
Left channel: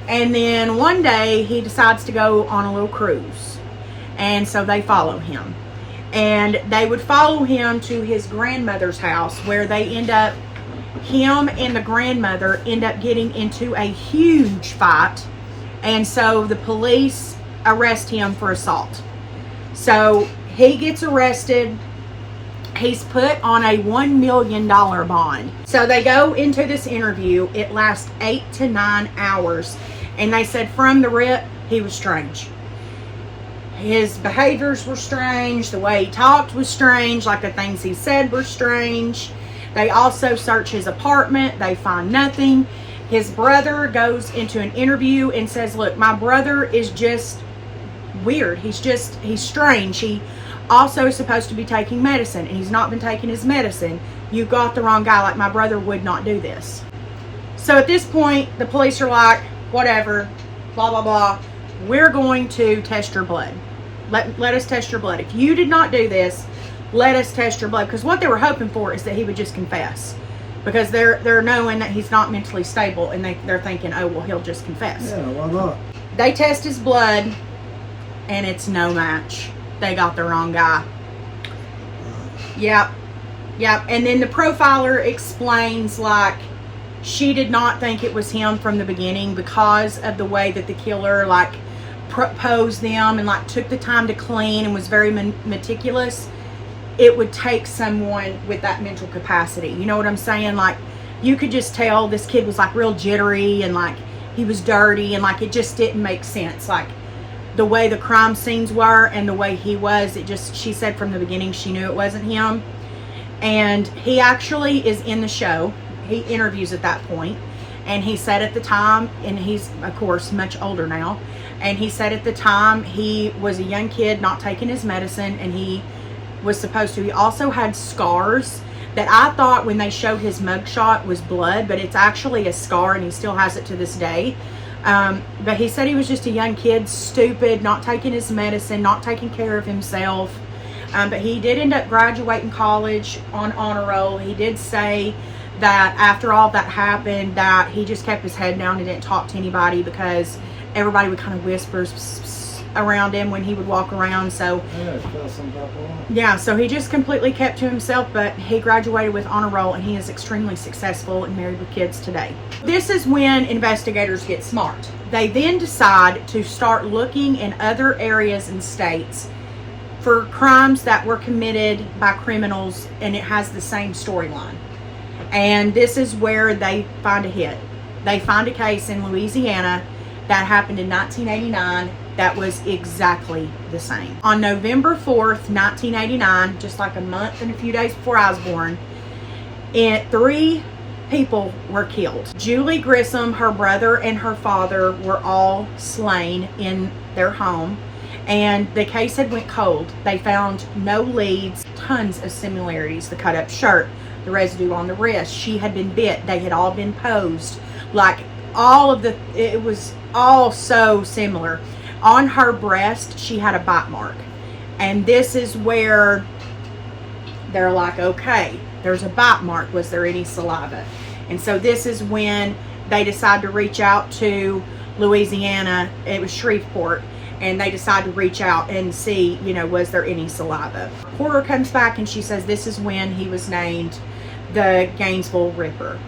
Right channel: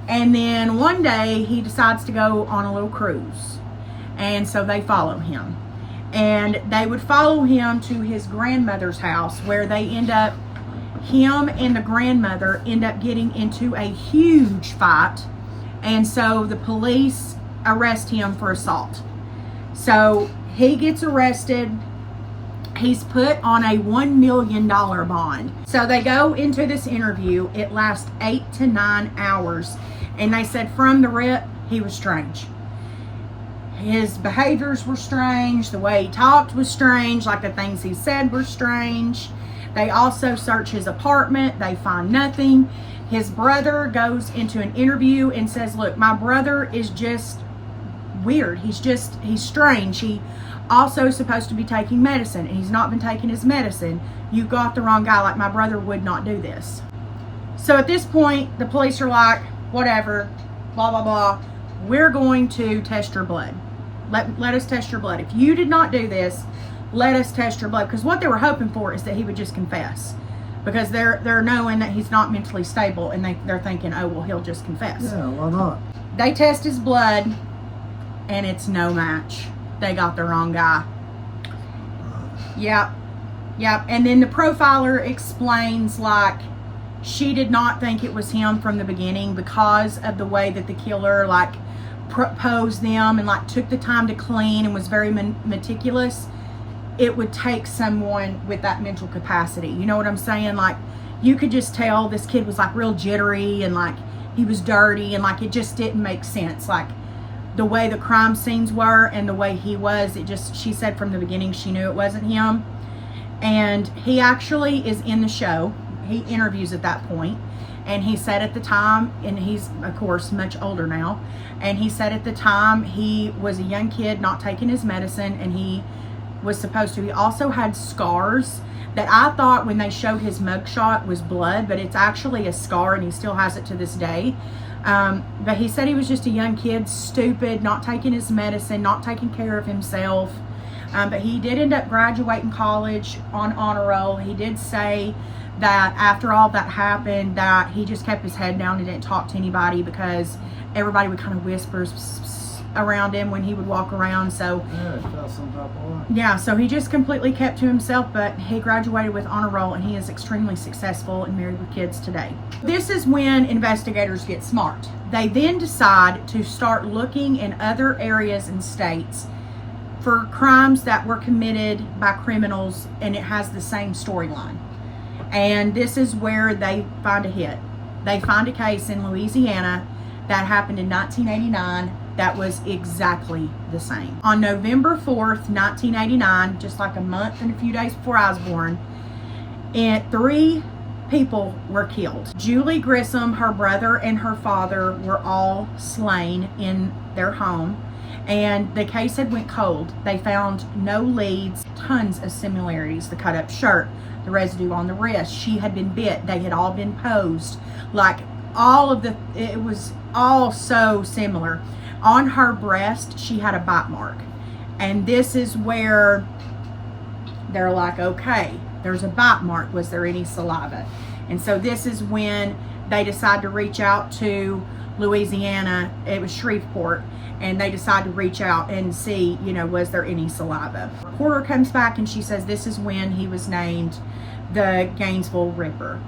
And then one day he decides to go on a little cruise. And so they follow him. And they would follow him to his grandmother's house, where him and the grandmother end up getting into a huge fight. And so the police arrest him for assault. So he gets arrested. He's put on a $1 million bond. So they go into this interview. It lasts 8 to 9 hours. And they said from the rip, he was strange. His behaviors were strange. The way he talked was strange. Like the things he said were strange. They also search his apartment. They find nothing. His brother goes into an interview and says, look, my brother is just weird. He's strange. He also is supposed to be taking medicine, and he's not been taking his medicine. You got the wrong guy. Like, my brother would not do this. So at this point, the police are like, whatever, blah, blah, blah. We're going to test your blood. Let us test your blood. If you did not do this, let us test your blood. Because what they were hoping for is that he would just confess. Because they're knowing that he's not mentally stable, and they're thinking, oh, well, he'll just confess. Yeah, why not? They test his blood, and it's no match. They got the wrong guy. Yep. And then the profiler explains, like, she did not think it was him from the beginning because of the way that the killer, like, posed them and, like, took the time to clean and was very meticulous. It would take someone with that mental capacity. You know what I'm saying? Like, you could just tell this kid was, like, real jittery, and, like, he was dirty, and, like, it just didn't make sense. Like, the way the crime scenes were and the way he was, she said from the beginning she knew it wasn't him. And he actually is in the show. He interviews at that point, and he said at the time, and he's of course much older now, and he said at the time he was a young kid not taking his medicine, and he was supposed to. He also had scars that I thought when they showed his mugshot was blood, but it's actually a scar, and he still has it to this day. But he said he was just a young kid, stupid, not taking his medicine, not taking care of himself. But he did end up graduating college on honor roll. He did say that after all that happened, that he just kept his head down and didn't talk to anybody because everybody would kind of whisper around him when he would walk around. So yeah, he felt some type of way. Yeah, so he just completely kept to himself, but he graduated with honor roll, and he is extremely successful and married with kids today. This is when investigators get smart. They then decide to start looking in other areas and states for crimes that were committed by criminals, and it has the same storyline. And this is where they find a hit. They find a case in Louisiana that happened in 1989 that was exactly the same. On November 4th, 1989, just like a month and a few days before I was born, 3 people were killed. Julie Grissom, her brother, and her father were all slain in their home, and the case had went cold. They found no leads, tons of similarities. The cut up shirt, the residue on the wrist, she had been bit, they had all been posed. Like, it was all so similar. On her breast, she had a bite mark. And this is where they're like, okay, there's a bite mark. Was there any saliva? And so this is when they decide to reach out to Louisiana. It was Shreveport. And they decide to reach out and see, was there any saliva? Reporter comes back and she says this is when he was named the Gainesville Ripper.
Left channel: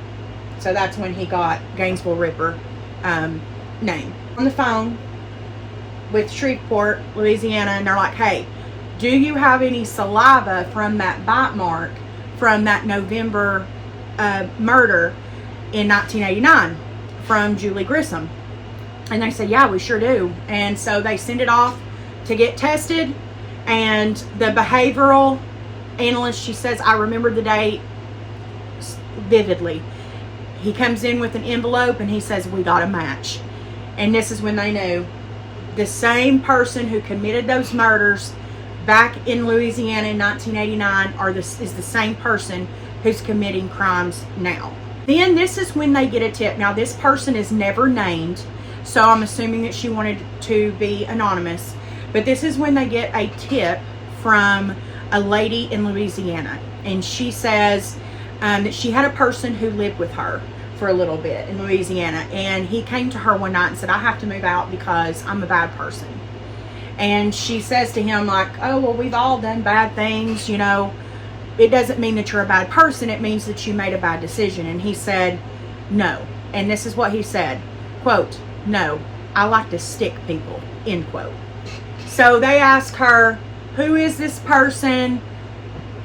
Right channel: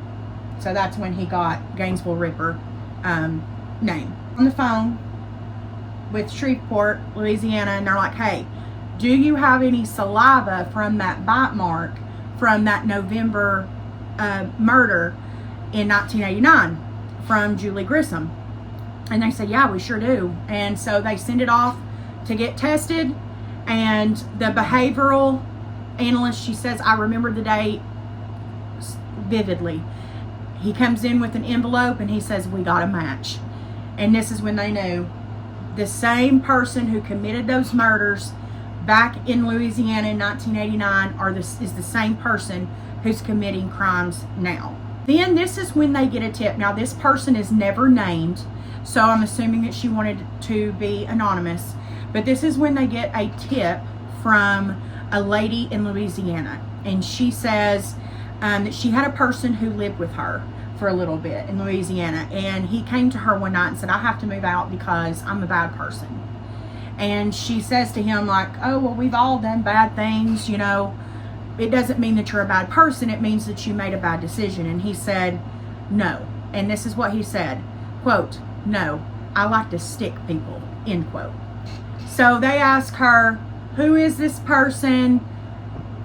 So that's when he got Gainesville Ripper name. On the phone with Shreveport, Louisiana, and they're like, hey, do you have any saliva from that bite mark from that November murder in 1989 from Julie Grissom? And they said, yeah, we sure do. And so they send it off to get tested, and the behavioral analyst, she says, I remember the day vividly. He comes in with an envelope and he says, we got a match. And this is when they knew the same person who committed those murders back in Louisiana in 1989 is the same person who's committing crimes now. Then this is when they get a tip. Now this person is never named, so I'm assuming that she wanted to be anonymous. But this is when they get a tip from a lady in Louisiana. And she says that she had a person who lived with her for a little bit in Louisiana. And he came to her one night and said, I have to move out because I'm a bad person. And she says to him like, oh, well, we've all done bad things, you know. It doesn't mean that you're a bad person. It means that you made a bad decision. And he said, no. And this is what he said, quote, no, I like to stick people, end quote. So they ask her, who is this person?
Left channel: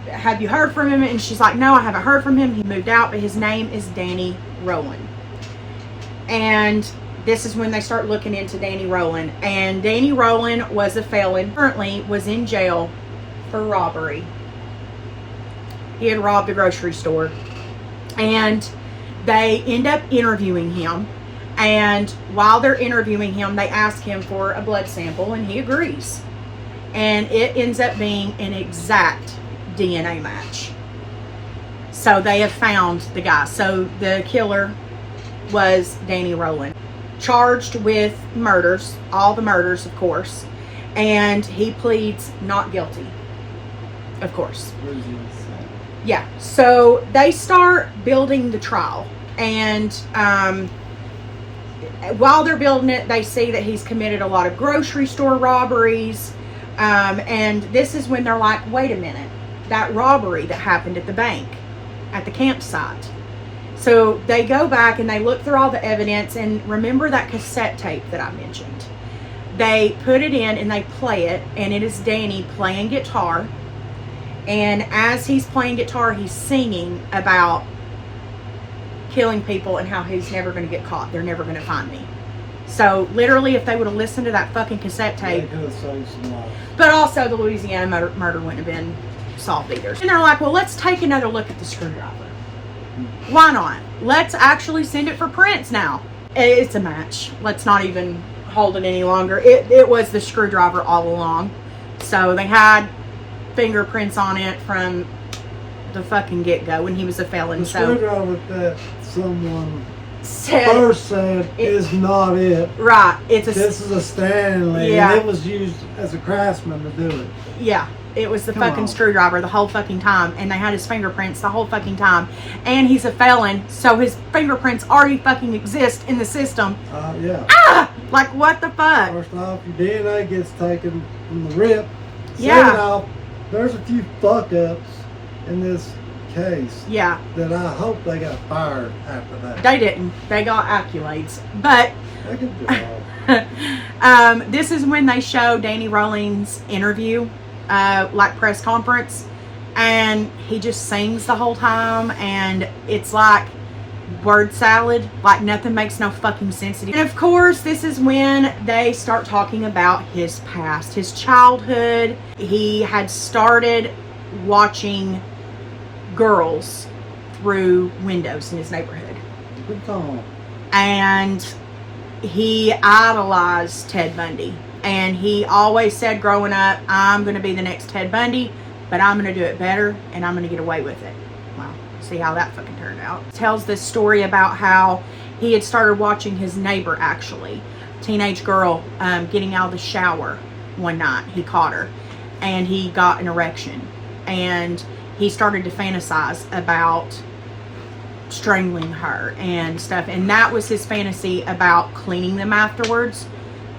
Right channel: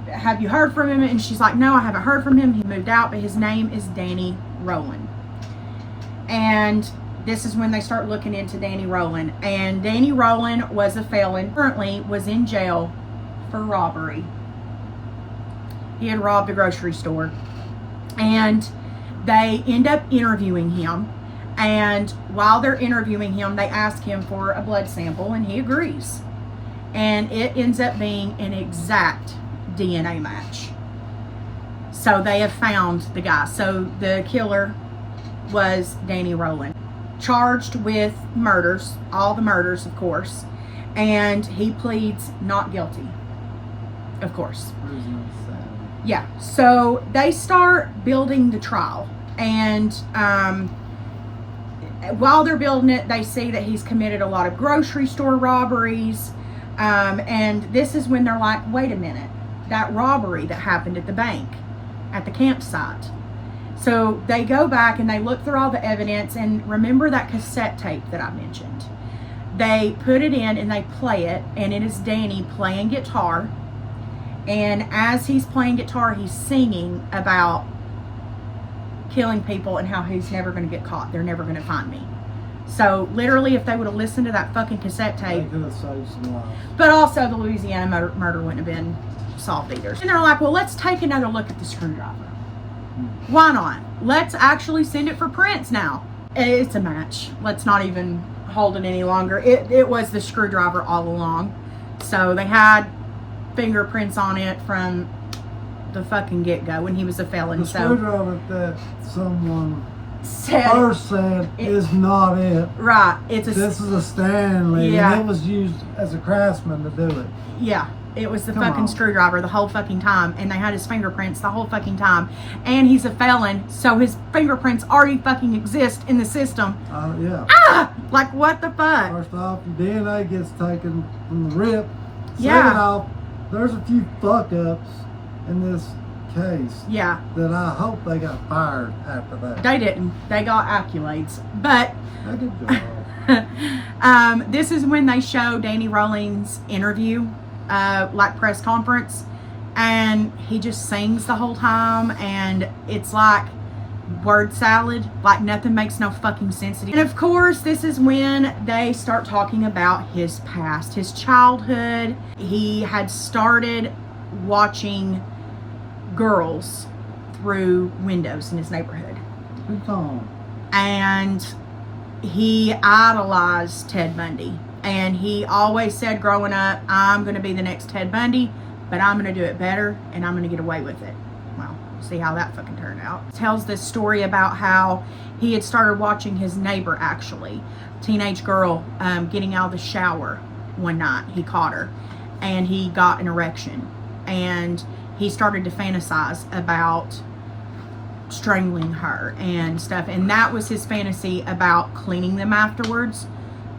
Have you heard from him? And she's like, no, I haven't heard from him. He moved out, but his name is Danny Rowland. And this is when they start looking into Danny Rowland. And Danny Rowland was a felon, currently was in jail for robbery. He had robbed a grocery store. And they end up interviewing him. And while they're interviewing him, they ask him for a blood sample, and he agrees. And it ends up being an exact DNA match. So they have found the guy. So the killer was Danny Rowland, charged with murders, all the murders, of course, and he pleads not guilty, of course. Yeah, so they start building the trial, and while they're building it, they see that he's committed a lot of grocery store robberies, and this is when they're like, wait a minute, that robbery that happened at the bank, at the campsite. So they go back and they look through all the evidence, and remember that cassette tape that I mentioned. They put it in and they play it, and it is Danny playing guitar, and as he's playing guitar, he's singing about killing people and how he's never going to get caught. They're never going to find me. So literally, if they would have listened to that fucking cassette tape, they could have saved some lives. But but also the Louisiana murder wouldn't have been solved either. And they're like, well, let's take another look at the screwdriver. Why not? Let's actually send it for prints now. It's a match. Let's not even hold it any longer. It was the screwdriver all along. So they had fingerprints on it from the fucking get-go when he was a felon. The screwdriver that someone said first said is not it. Right. This is a Stanley. Yeah. And it was used as a craftsman to do it. Yeah. It was the fucking screwdriver the whole fucking time. And they had his fingerprints the whole fucking time. And he's a felon, so his fingerprints already fucking exist in the system. Yeah. Ah! Like, what the fuck? First off, your DNA gets taken from the rip. Yeah. Second off, there's a few fuck-ups in this case. Yeah. That I hope they got fired after that. They didn't. They got accolades. But They could do all. this is when they show Danny Rowland's interview, like press conference, and he just sings the whole time, and it's like word salad, like nothing makes no fucking sense to you. And of course, this is when they start talking about his past, his childhood. He had started watching girls through windows in his neighborhood. Good time. And he idolized Ted Bundy. And he always said growing up, I'm going to be the next Ted Bundy, but I'm going to do it better, and I'm going to get away with it. Well, see how that fucking turned out. Tells this story about how he had started watching his neighbor, actually, teenage girl, getting out of the shower one night. He caught her, and he got an erection. And he started to fantasize about strangling her and stuff. And that was his fantasy about cleaning them afterwards,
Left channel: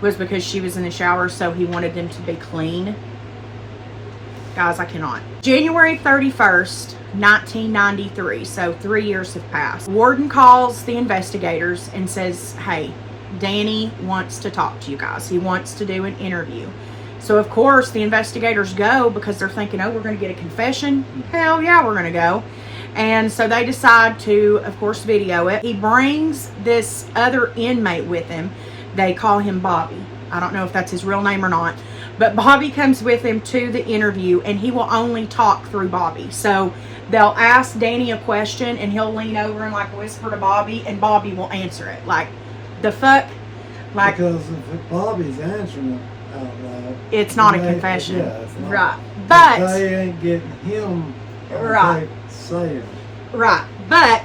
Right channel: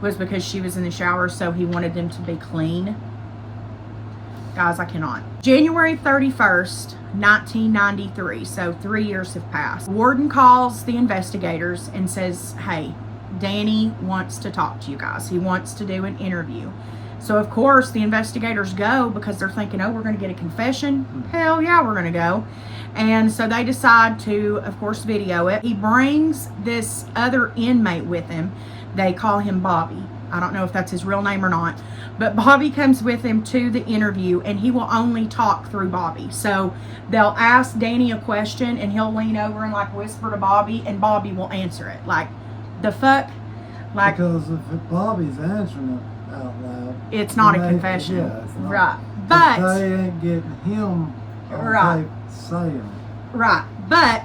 was because she was in the shower, so he wanted them to be clean. Guys, I cannot. January 31st, 1993, so 3 years have passed. Warden calls the investigators and says, hey, Danny wants to talk to you guys. He wants to do an interview. So, of course, the investigators go because they're thinking, oh, we're going to get a confession? Hell yeah, we're going to go. And so they decide to, of course, video it. He brings this other inmate with him. They call him Bobby. I don't know if that's his real name or not. But Bobby comes with him to the interview, and he will only talk through Bobby. So they'll ask Danny a question, and he'll lean over and like whisper to Bobby, and Bobby will answer it. Like, the fuck? Like, because if Bobby's answering it out loud, it's not a confession. Yeah, it's not. Right. But they ain't getting him right saying it. Right. But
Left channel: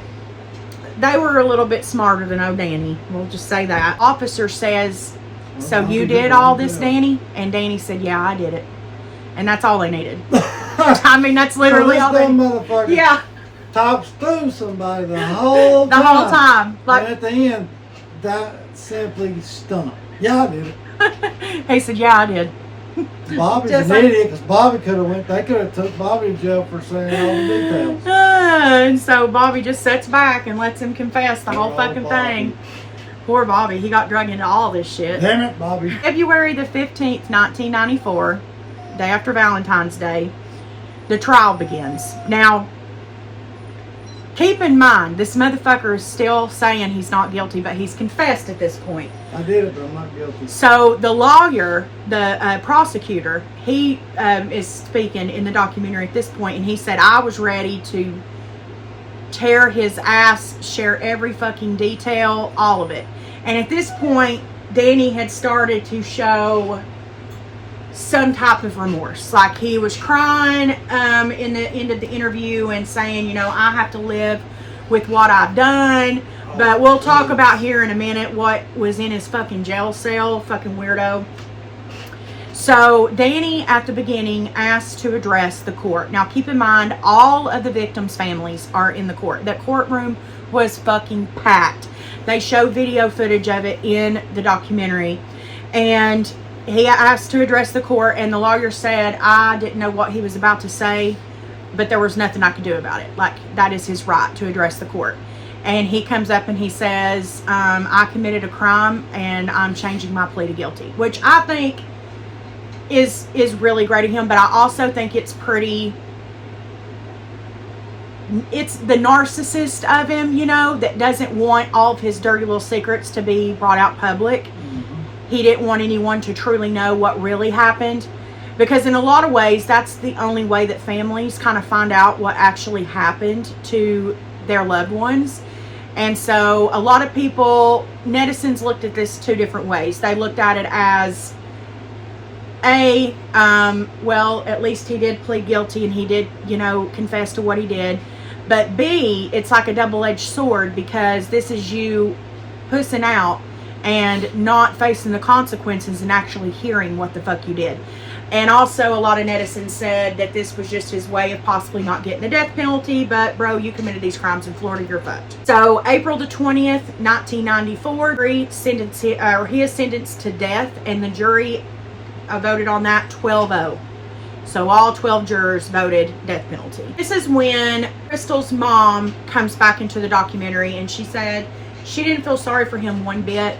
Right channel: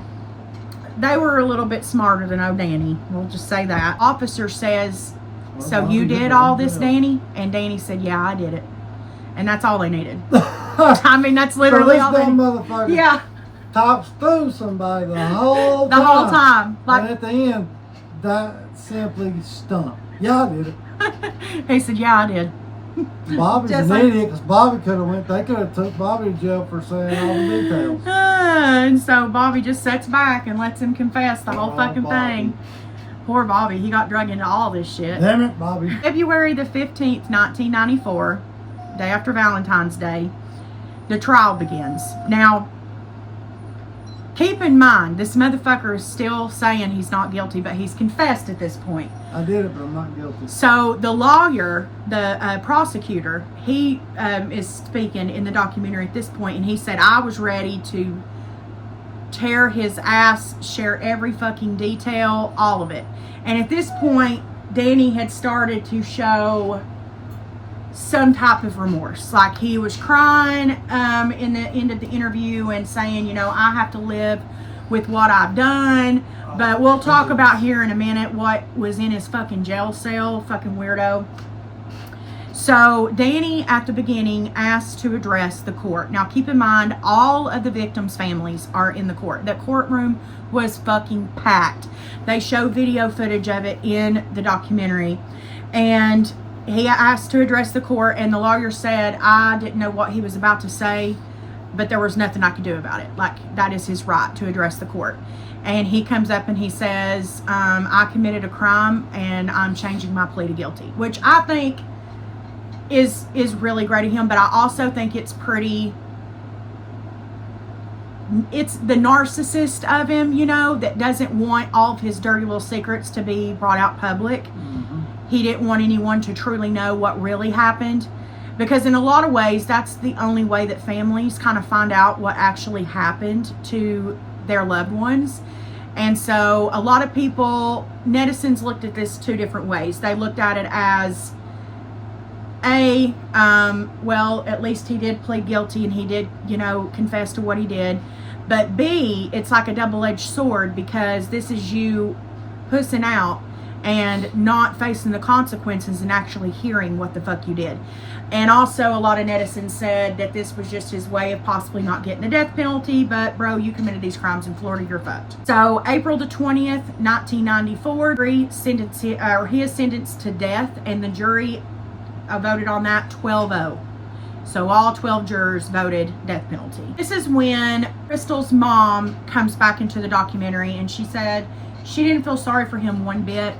they were a little bit smarter than old Danny. We'll just say that. Officer says, so you did all this, Danny? And Danny said, yeah, I did it. And that's all they needed. I mean, that's literally all they needed. Yeah. Talks through somebody the whole time. The whole time. Like, and at the end, that simply stunk. Yeah, I did it. He said, yeah, I did. Bobby's an idiot, because Bobby they could have took Bobby to jail for saying all the details. And so Bobby just sits back and lets him confess the whole fucking thing. Poor Bobby. He got drug into all this shit. Damn it, Bobby. February the 15th, 1994, day after Valentine's Day, the trial begins. Now, keep in mind, this motherfucker is still saying he's not guilty, but he's confessed at this point. I did it, but I'm not guilty. So the lawyer, the prosecutor, he is speaking in the documentary at this point, and he said, I was ready to tear his ass, share every fucking detail, all of it. And at this point, Danny had started to show some type of remorse. Like, he was crying in the end of the interview and saying, you know, I have to live with what I've done. But we'll talk about here in a minute what was in his fucking jail cell. Fucking weirdo. So Danny, at the beginning, asked to address the court. Now, keep in mind, all of the victims' families are in the court. The courtroom was fucking packed. They show video footage of it in the documentary. And he asked to address the court, and the lawyer said, I didn't know what he was about to say, but there was nothing I could do about it. Like, that is his right to address the court. And he comes up and he says, I committed a crime and I'm changing my plea to guilty, which I think is really great of him. But I also think it's the narcissist of him, you know, that doesn't want all of his dirty little secrets to be brought out public. Mm-hmm. He didn't want anyone to truly know what really happened, because in a lot of ways, that's the only way that families kind of find out what actually happened to their loved ones. And so a lot of people, netizens, looked at this two different ways. They looked at it as well, at least he did plead guilty and he did, you know, confess to what he did. But B, it's like a double-edged sword, because this is you pussing out and not facing the consequences and actually hearing what the fuck you did. And also, a lot of netizens said that this was just his way of possibly not getting the death penalty. But, bro, you committed these crimes in Florida, you're fucked. So, April the 20th, 1994, he is sentenced to death, and the jury voted on that 12-0. So, all 12 jurors voted death penalty. This is when Crystal's mom comes back into the documentary, and she said she didn't feel sorry for him one bit,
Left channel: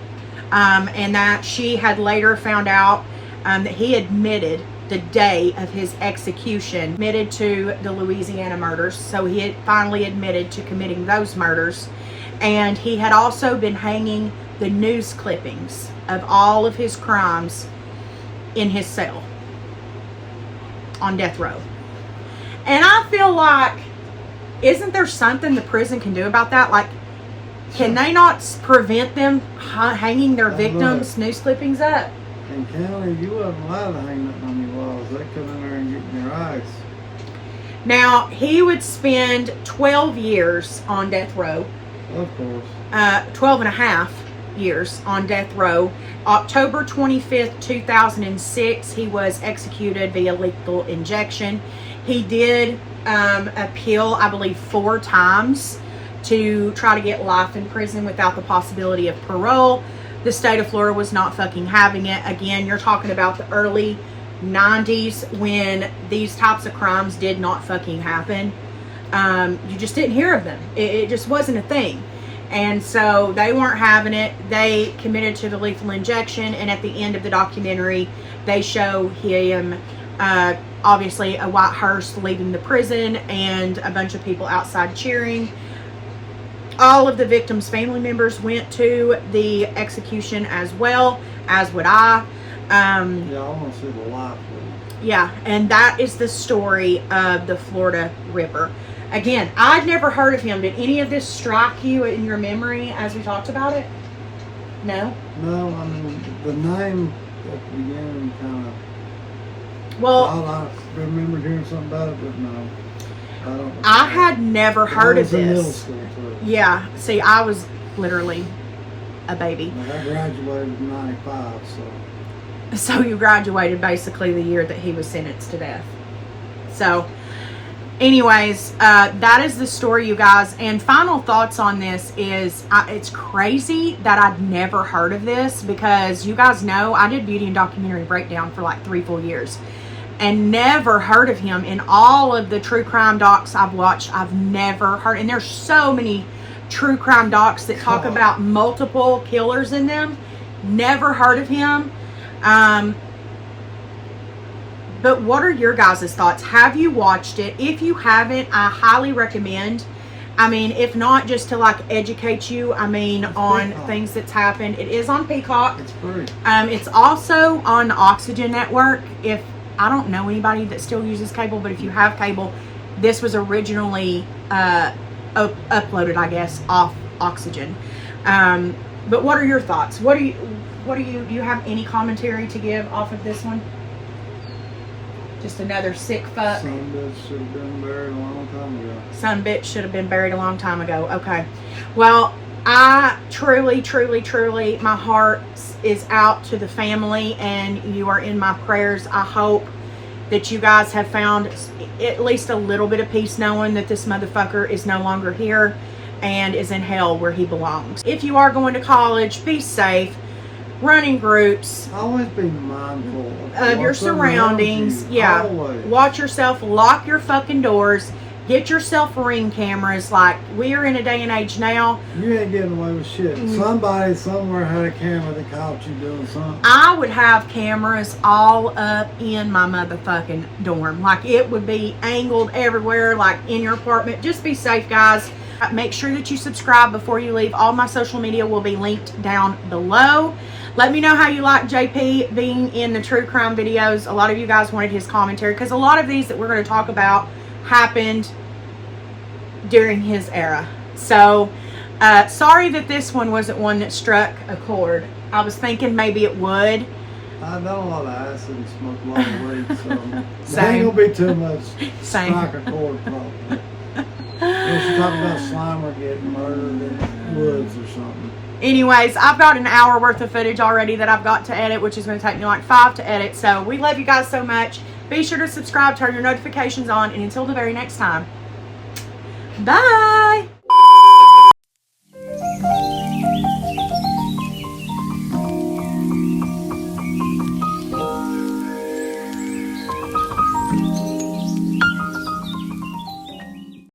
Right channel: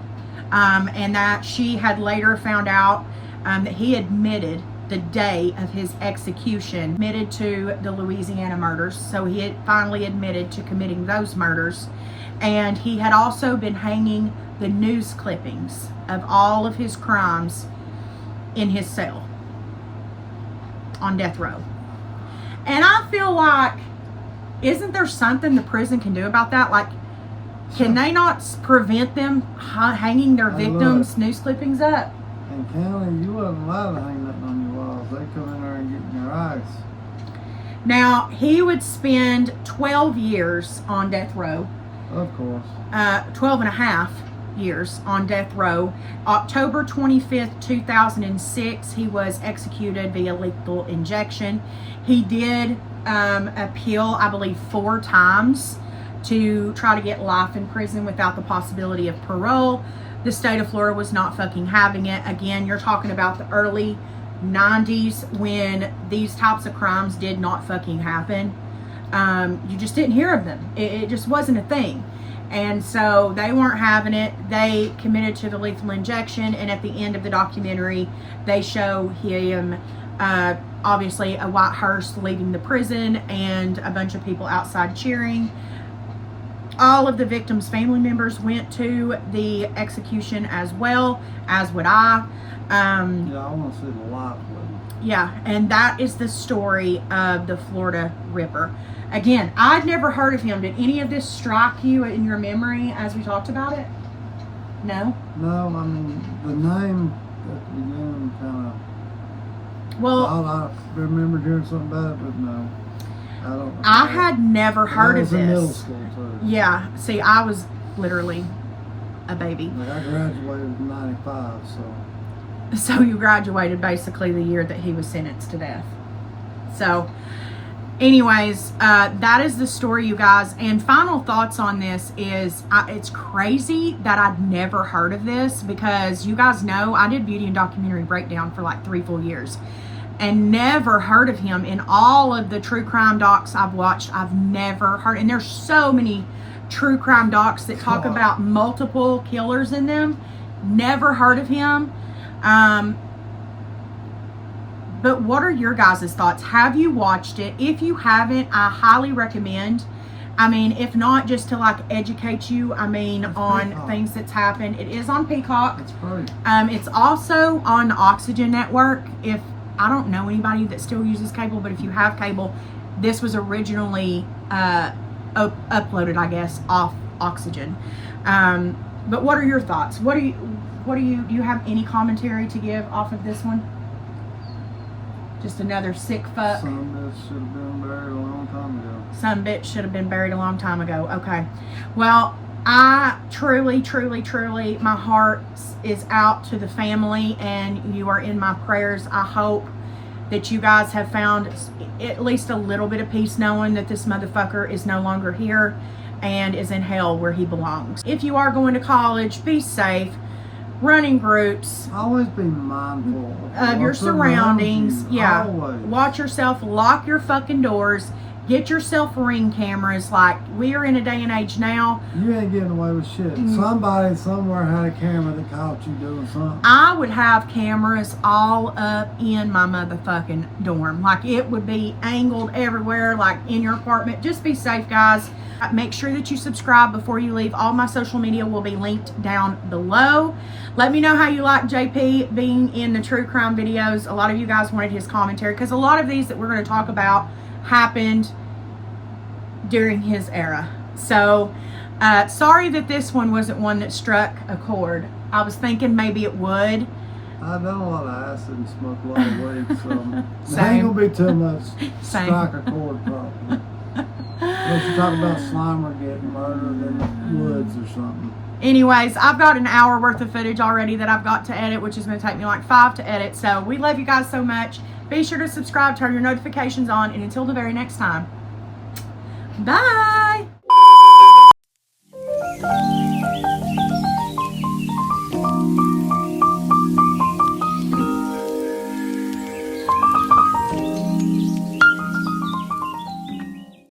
and that she had later found out that he admitted the day of his execution, admitted to the Louisiana murders. So he had finally admitted to committing those murders. And he had also been hanging the news clippings of all of his crimes in his cell on death row. And I feel like, isn't there something the prison can do about that? Like, can they not prevent them hanging their victims' news clippings up? In county, you wasn't allowed to hang nothing on your walls. They come in there and get in your eyes. Now, he would spend 12 years on death row. Of course. 12 and a half years on death row. October 25th, 2006, he was executed via lethal injection. He did appeal, I believe, 4 times to try to get life in prison without the possibility of parole. The state of Florida was not fucking having it. Again, you're talking about the early 90s when these types of crimes did not fucking happen. You just didn't hear of them. It just wasn't a thing. And so they weren't having it. They committed to the lethal injection, and at the end of the documentary, they show him, obviously, a white hearse leaving the prison and a bunch of people outside cheering. all of the victims' family members went to the execution as well, as would I. Yeah, I want to see the life, please. Yeah, and that is the story of the Florida Ripper. Again, I'd never heard of him. Did any of this strike you in your memory as we talked about it? No? No, I mean, the name at the beginning kind of... Well, I remember hearing something about it, but no. I don't. I had never heard of I was in middle this. school, too. Yeah, see, I was literally a baby. Like, I graduated in 95, so... So you graduated basically the year that he was sentenced to death. So, anyways, that is the story, you guys. And final thoughts on this is, it's crazy that I'd never heard of this, because you guys know I did beauty and documentary breakdown for like 3 full years and never heard of him. In all of the true crime docs I've watched, I've never heard. And there's so many true crime docs that talk about multiple killers in them. Never heard of him. But what are your guys' thoughts? Have you watched it? If you haven't, I highly recommend. I mean, if not, just to like educate you, I mean, on things that's happened. It is on Peacock. It's free. It's also on the Oxygen Network. If I don't know anybody that still uses cable, but if you have cable, this was originally uploaded, I guess, off Oxygen. But what are your thoughts? Do you have any commentary to give off of this one? Just another sick fuck. Some bitch should have been buried a long time ago. Some bitch should have been buried a long time ago. Okay. Well, I truly, my heart is out to the family, and you are in my prayers. I hope that you guys have found at least a little bit of peace knowing that this motherfucker is no longer here and is in hell where he belongs. If you are going to college, be safe. Running groups. Always be mindful of your surroundings. Yeah. Always. Watch yourself. Lock your fucking doors. Get yourself Ring cameras. Like, we are in a day and age now. You ain't getting away with shit. Somebody somewhere had a camera that caught you doing something. I would have cameras all up in my motherfucking dorm. Like, it would be angled everywhere, like in your apartment. Just be safe, guys. Make sure that you subscribe before you leave. All my social media will be linked down below. Let me know how you like JP being in the true crime videos. A lot of you guys wanted his commentary, because a lot of these that we're going to talk about happened during his era. So, sorry that this one wasn't one that struck a chord. I was thinking maybe it would. I've done a lot of acid and smoked a lot of weed, so Same. there ain't going to be too much Same. strike a chord probably. Unless you talk about Slimer getting murdered in the woods or something. Anyways, I've got an hour worth of footage already that I've got to edit, which is going to take me like 5 to edit. So we love you guys so much. Be sure to subscribe, turn your notifications on, and until the very next time, bye.